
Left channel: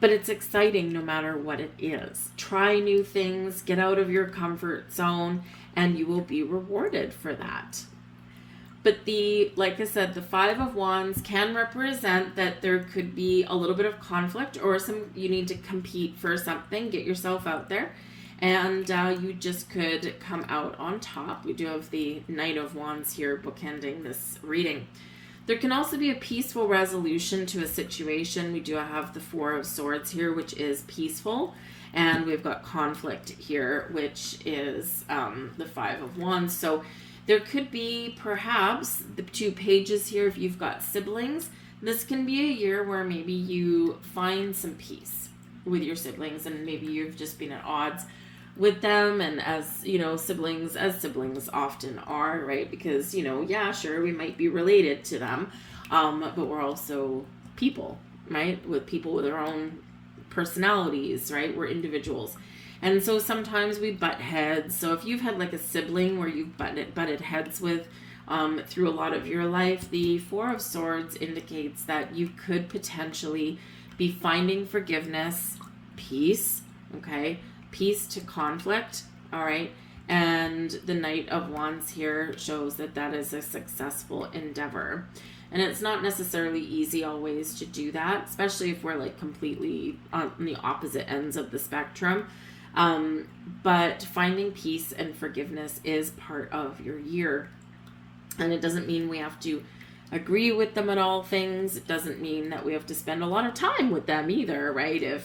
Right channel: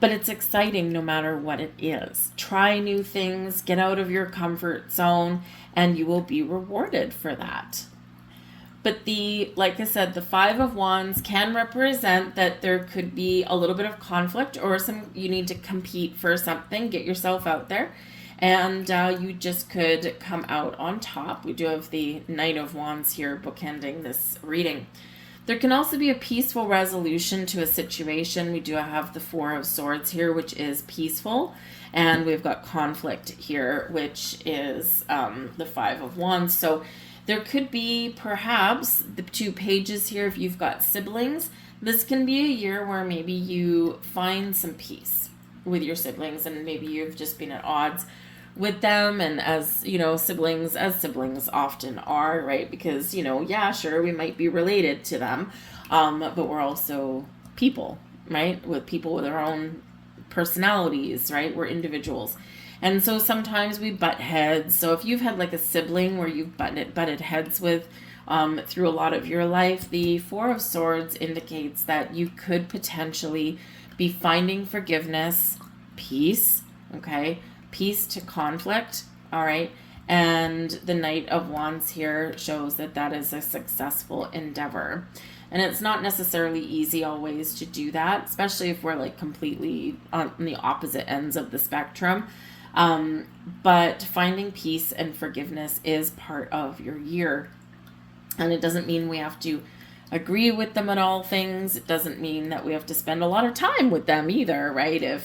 But it's exciting no matter what it is. Try new things, get out of your comfort zone, and you will be rewarded for that. But like I said, the Five of Wands can represent that there could be a little bit of conflict, or you need to compete for something, get yourself out there, and you just could come out on top. We do have the Knight of Wands here bookending this reading. There can also be a peaceful resolution to a situation. We do have the Four of Swords here, which is peaceful. And we've got conflict here, which is the Five of Wands. So there could be perhaps the two pages here. If you've got siblings, this can be a year where maybe you find some peace with your siblings, and maybe you've just been at odds with them, and as siblings often are, right? Because sure, we might be related to them, but we're also people, right? With people with their own personalities, right? We're individuals, and so sometimes we butt heads. So if you've had like a sibling where you've butted heads with through a lot of your life, the Four of Swords indicates that you could potentially be finding forgiveness, peace, okay? Peace to conflict, all right? And the Knight of Wands here shows that is a successful endeavor. And it's not necessarily easy always to do that, especially if we're like completely on the opposite ends of the spectrum. But finding peace and forgiveness is part of your year. And it doesn't mean we have to agree with them on all things. It doesn't mean that we have to spend a lot of time with them either, right?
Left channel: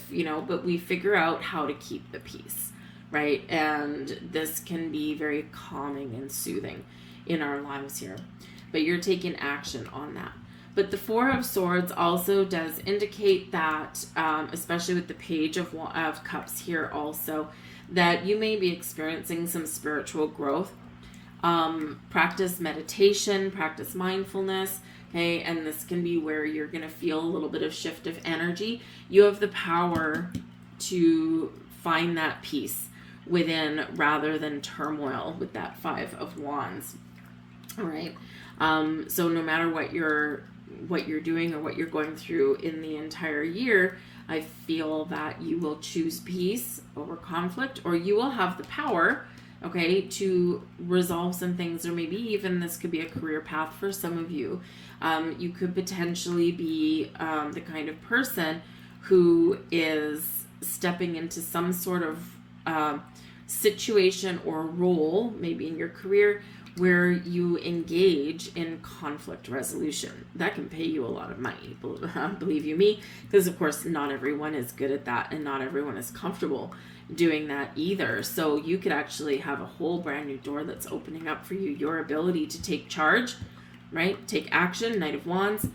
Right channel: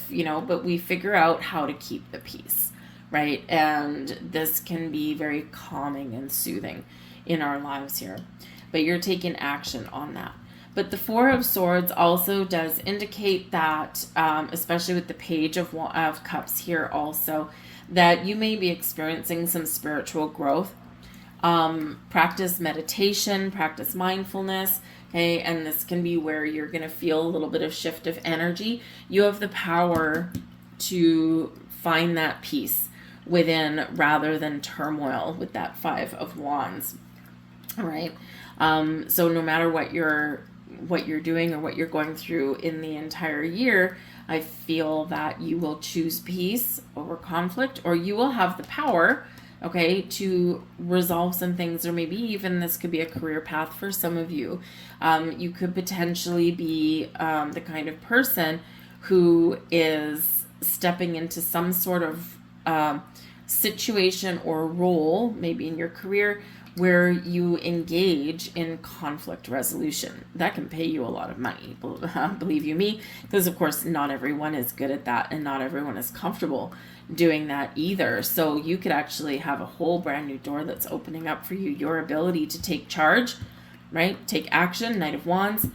But we figure out how to keep the peace, right? And this can be very calming and soothing in our lives here. But you're taking action on that. But the Four of Swords also does indicate that, especially with the Page of Cups here also, that you may be experiencing some spiritual growth. Practice meditation, practice mindfulness. Okay, and this can be where you're going to feel a little bit of shift of energy. You have the power to find that peace within rather than turmoil with that 5 of Wands. All right. So no matter what you're doing or what you're going through in the entire year, I feel that you will choose peace over conflict, or you will have the power, okay, to resolve some things, or maybe even this could be a career path for some of you. You could potentially be the kind of person who is stepping into some sort of situation or role, maybe in your career, where you engage in conflict resolution. That can pay you a lot of money, believe you me, because of course not everyone is good at that, and not everyone is comfortable doing that either. So you could actually have a whole brand new door that's opening up for you, your ability to take charge, right? Take action, Knight of Wands,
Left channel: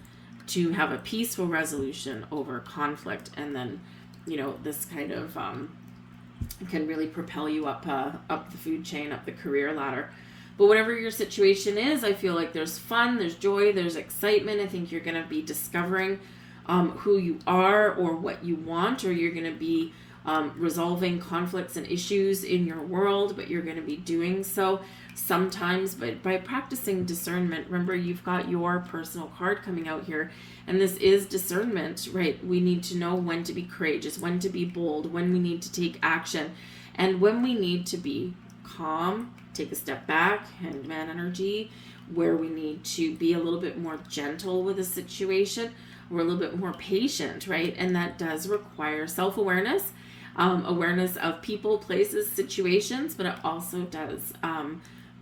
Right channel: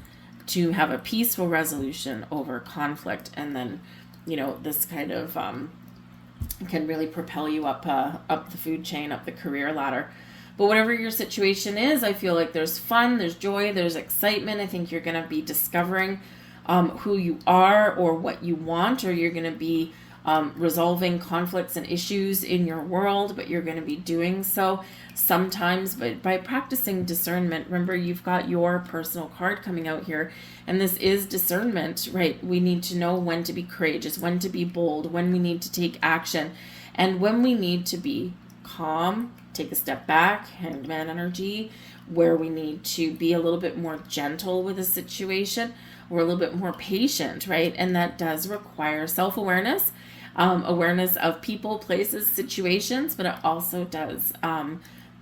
to have a peaceful resolution over conflict. And then, this kind of can really propel you up the food chain, up the career ladder. But whatever your situation is, I feel like there's fun, there's joy, there's excitement. I think you're going to be discovering who you are or what you want, or you're going to be resolving conflicts and issues in your world, but you're going to be doing so sometimes by practicing discernment. Remember, you've got your personal card coming out here, and this is discernment, right? We need to know when to be courageous, when to be bold, when we need to take action, and when we need to be calm, take a step back, Hangman energy, where we need to be a little bit more gentle with a situation. We're a little bit more patient, right? And that does require self-awareness, awareness of people, places, situations, but it also does,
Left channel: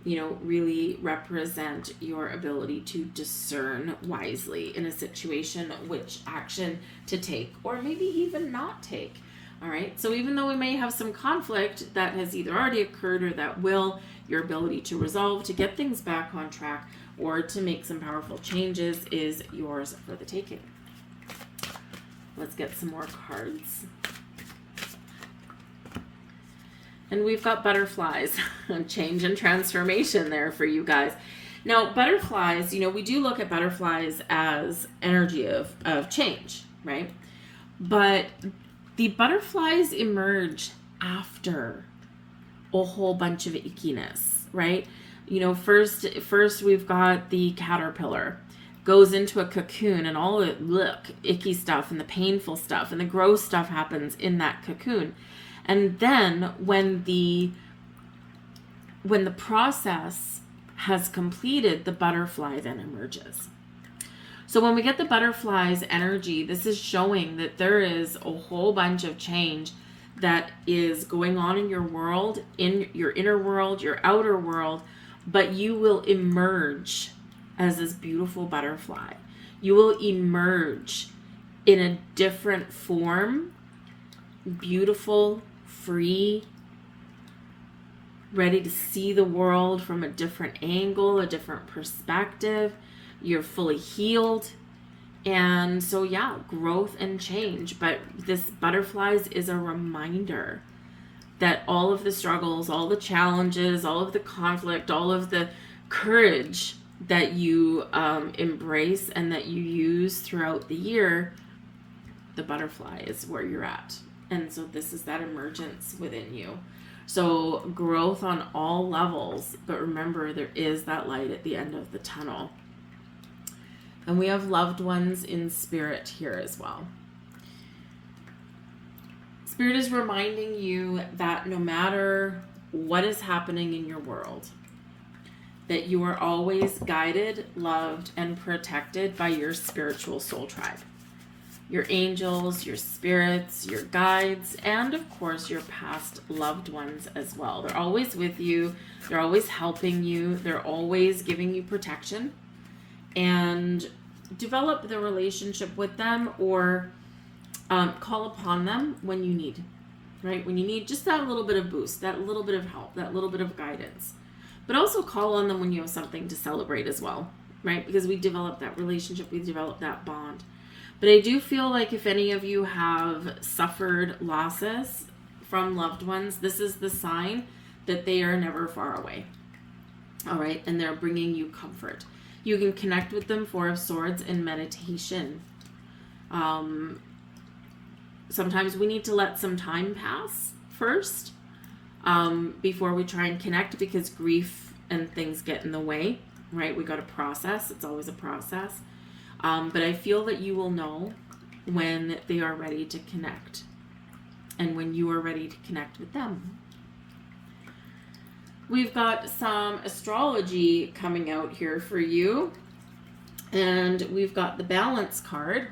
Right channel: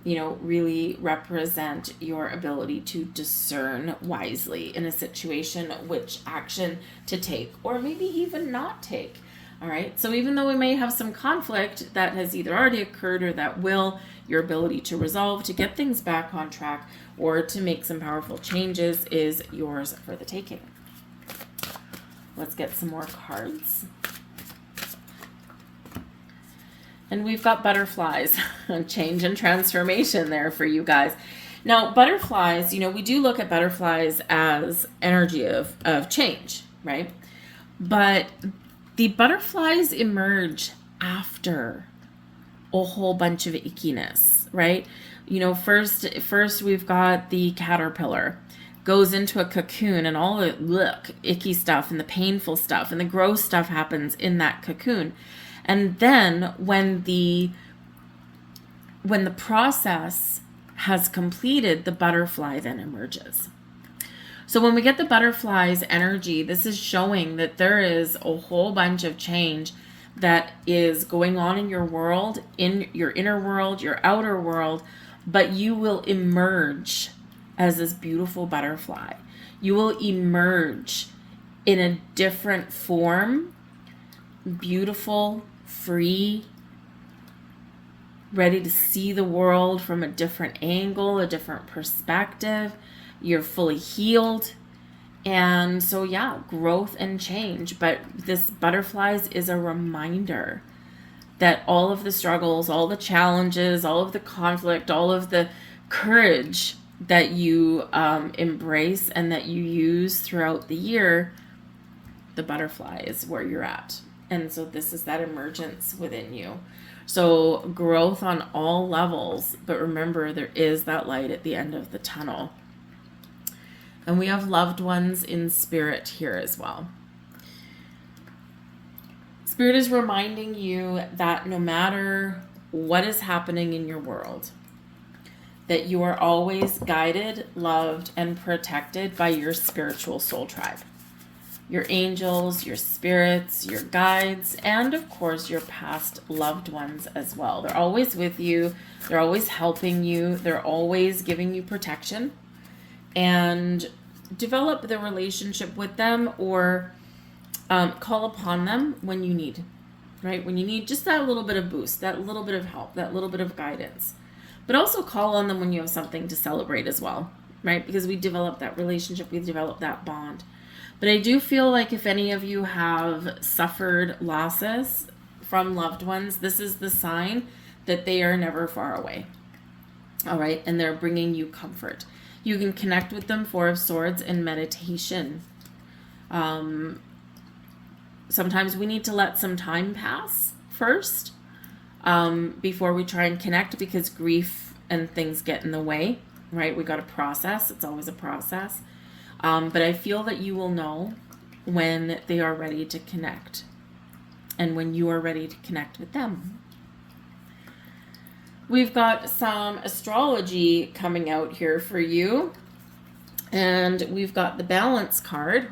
really represent your ability to discern wisely in a situation which action to take, or maybe even not take. All right. So even though we may have some conflict that has either already occurred or that will, your ability to resolve, to get things back on track, or to make some powerful changes is yours for the taking. Let's get some more cards. And we've got butterflies, change and transformation there for you guys. Now, butterflies, we do look at butterflies as energy of change, right? But the butterflies emerge after a whole bunch of ickiness, right? First we've got the caterpillar, goes into a cocoon, and all the icky stuff and the painful stuff and the gross stuff happens in that cocoon. And then when the process has completed, the butterfly then emerges. So when we get the butterfly's energy, this is showing that there is a whole bunch of change that is going on in your world, in your inner world, your outer world, but you will emerge as this beautiful butterfly. You will emerge in a different form, beautiful, free, ready to see the world from a different angle, a different perspective. You're fully healed. And so, growth and change. But this butterflies is a reminder that all of the struggles, all the challenges, all of the conflict, all of the courage that you embrace and that you use throughout the year, the butterfly is where you're at. And so this is that emergence within you. So growth on all levels, but remember, there is that light at the end of the tunnel. And we have loved ones in spirit here as well. Spirit is reminding you that no matter what is happening in your world, that you are always guided, loved, and protected by your spiritual soul tribe. Your angels, your spirits, your guides, and of course your past loved ones as well. They're always with you. They're always helping you. They're always giving you protection. And develop the relationship with them, or call upon them when you need, right? When you need just that little bit of boost, that little bit of help, that little bit of guidance. But also call on them when you have something to celebrate as well, right? Because we develop that relationship, we develop that bond. But I do feel like if any of you have suffered losses from loved ones, this is the sign that they are never far away. All right. And they're bringing you comfort. You can connect with them, Four of Swords, in meditation. Sometimes we need to let some time pass first before we try and connect, because grief and things get in the way, right? We got to process. It's always a process. But I feel that you will know when they are ready to connect and when you are ready to connect with them. We've got some astrology coming out here for you. And we've got the balance card.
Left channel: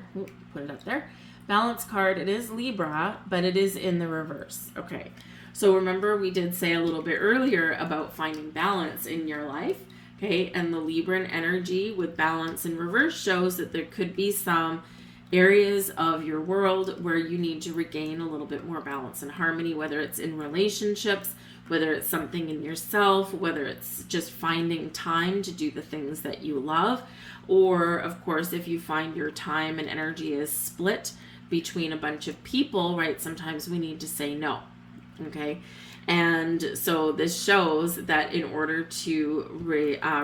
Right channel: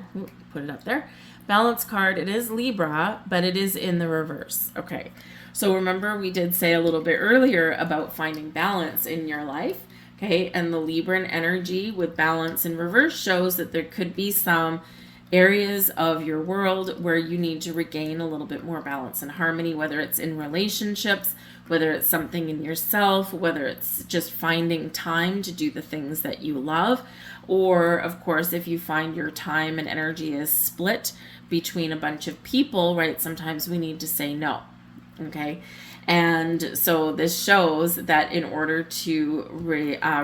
Put it up there. Balance card. It is Libra, but it is in the reverse. Okay. So remember, we did say a little bit earlier about finding balance in your life. Okay. And the Libran energy with balance in reverse shows that there could be some areas of your world where you need to regain a little bit more balance and harmony, whether it's in relationships, whether it's something in yourself, whether it's just finding time to do the things that you love, or of course, if you find your time and energy is split between a bunch of people, right? Sometimes we need to say no, okay? And so this shows that in order to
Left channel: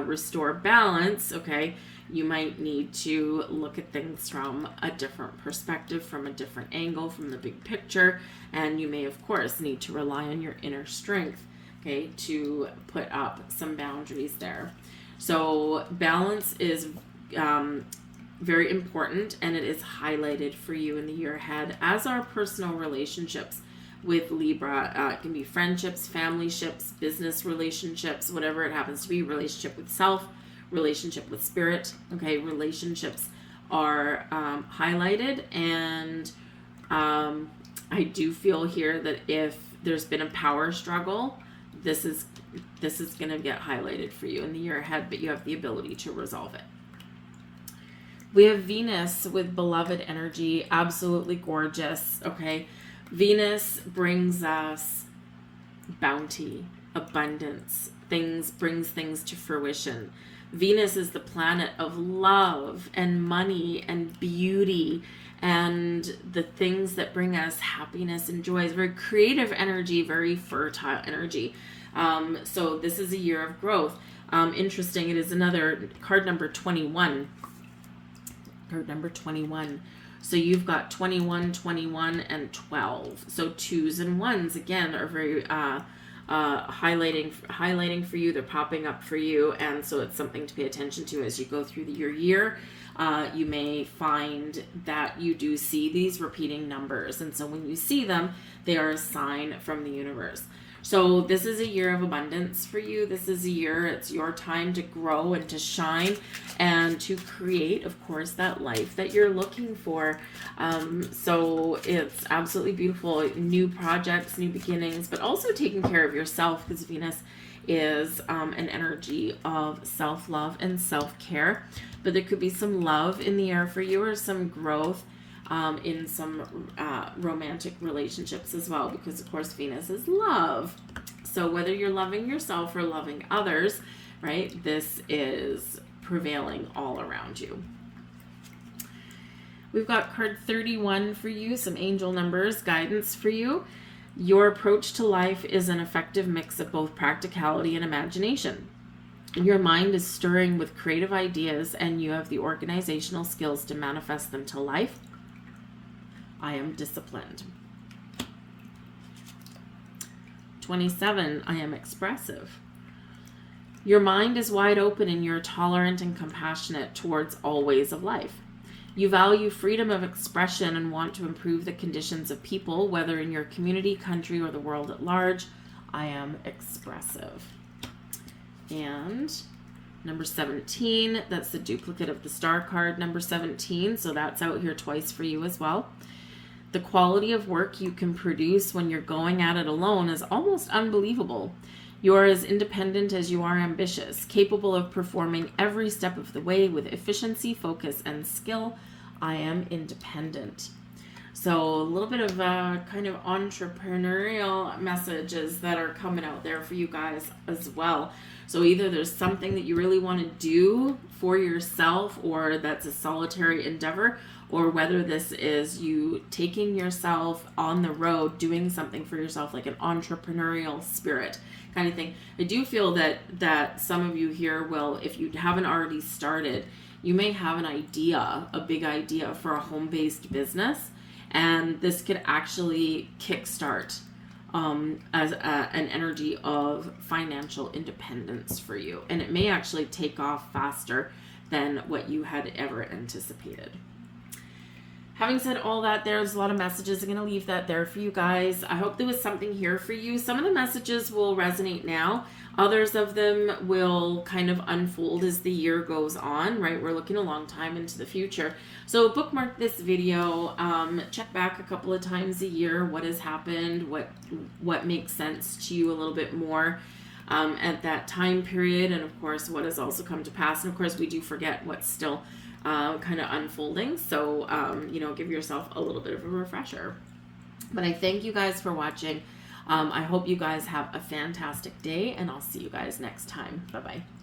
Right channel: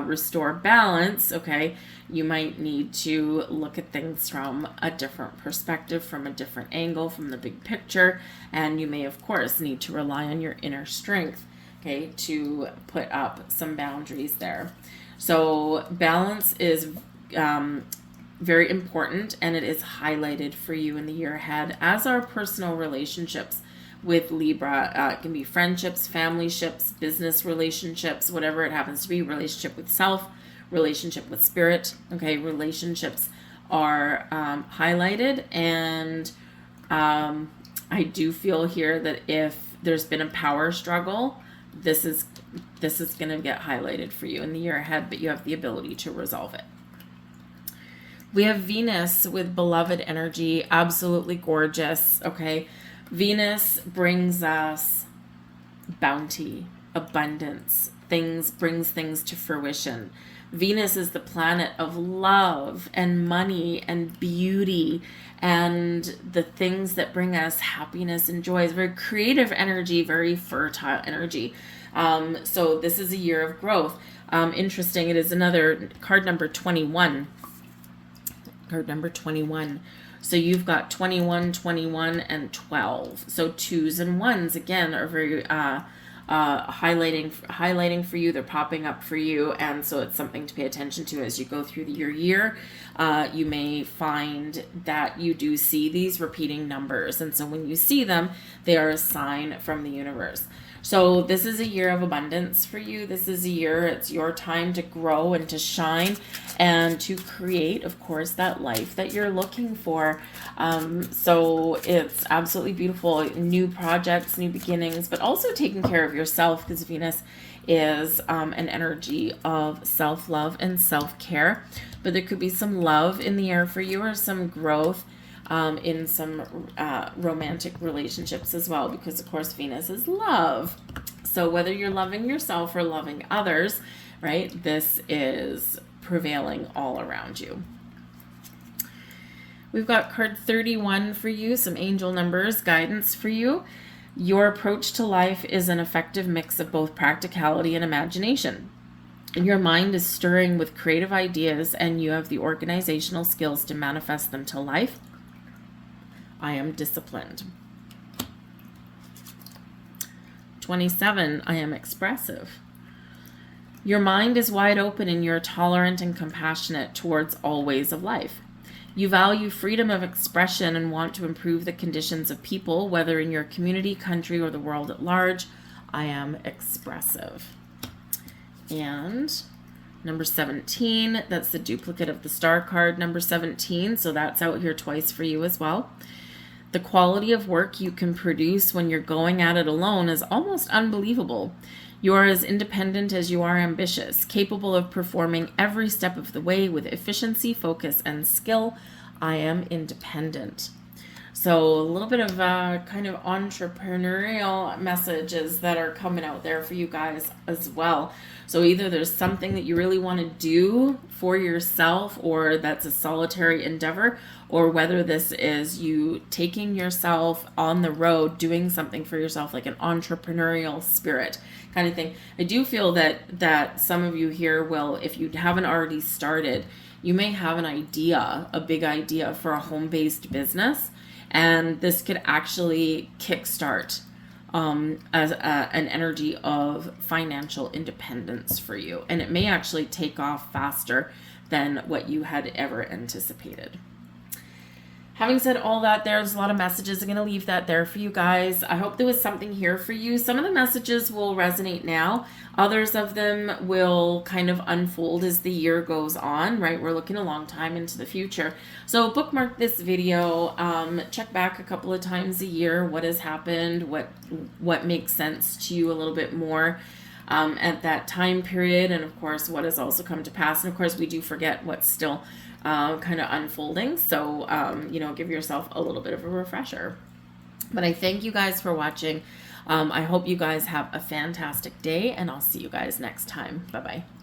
restore balance, okay, you might need to look at things from a different perspective, from a different angle, from the big picture. And you may, of course, need to rely on your inner strength, okay, to put up some boundaries there. So balance is very important, and it is highlighted for you in the year ahead, as are personal relationships with Libra. It can be friendships, family ships, business relationships, whatever it happens to be, relationship with self, relationship with spirit. Okay, relationships are highlighted, and I do feel here that if there's been a power struggle, this is going to get highlighted for you in the year ahead, but you have the ability to resolve it. We have Venus with beloved energy, absolutely gorgeous. Okay, Venus brings us bounty, abundance, brings things to fruition. Venus is the planet of love and money and beauty and the things that bring us happiness and joy. It's very creative energy, very fertile energy. So this is a year of growth. Interesting, it is another card number 21. Card number 21. So you've got 21, 21, and 12. So 2s and 1s, again, are very highlighting for you. They're popping up for you, and so it's something to pay attention to as you go through your year. You may find that you do see these repeating numbers, and so when you see them, they are a sign from the universe. So this is a year of abundance for you. This is a year, it's your time to grow and to shine and to create, of course, that life that you're looking for. So it's absolutely beautiful. New projects, new beginnings, but also taking care of yourself, because Venus is an energy of self-love and self-care. But there could be some love in the air for you, or some growth in some romantic relationships as well, because of course Venus is love. So whether you're loving yourself or loving others, right, this is prevailing all around you. We've got card 31 for you, some angel numbers, guidance for you. Your approach to life is an effective mix of both practicality and imagination. Your mind is stirring with creative ideas, and you have the organizational skills to manifest them to life. I am disciplined. 27, I am expressive. Your mind is wide open, and you're tolerant and compassionate towards all ways of life. You value freedom of expression and want to improve the conditions of people, whether in your community, country, or the world at large. I am expressive. And number 17, that's the duplicate of the star card, number 17, so that's out here twice for you as well. The quality of work you can produce when you're going at it alone is almost unbelievable. You are as independent as you are ambitious, capable of performing every step of the way with efficiency, focus, and skill. I am independent. So a little bit of kind of entrepreneurial messages that are coming out there for you guys as well. So either there's something that you really want to do for yourself, or that's a solitary endeavor, or whether this is you taking yourself on the road, doing something for yourself, like an entrepreneurial spirit kind of thing. I do feel that some of you here will, if you haven't already started, you may have an idea, a big idea for a home-based business, and this could actually kickstart as an energy of financial independence for you. And it may actually take off faster than what you had ever anticipated. Having said all that, there's a lot of messages. I'm going to leave that there for you guys. I hope there was something here for you. Some of the messages will resonate now. Others of them will kind of unfold as the year goes on, right? We're looking a long time into the future. So bookmark this video, check back a couple of times a year, what has happened, what makes sense to you a little bit more at that time period, and of course, what has also come to pass. And of course, we do forget what's still kind of unfolding. So, give yourself a little bit of a refresher. But I thank you guys for watching. I hope you guys have a fantastic day, and I'll see you guys next time. Bye-bye.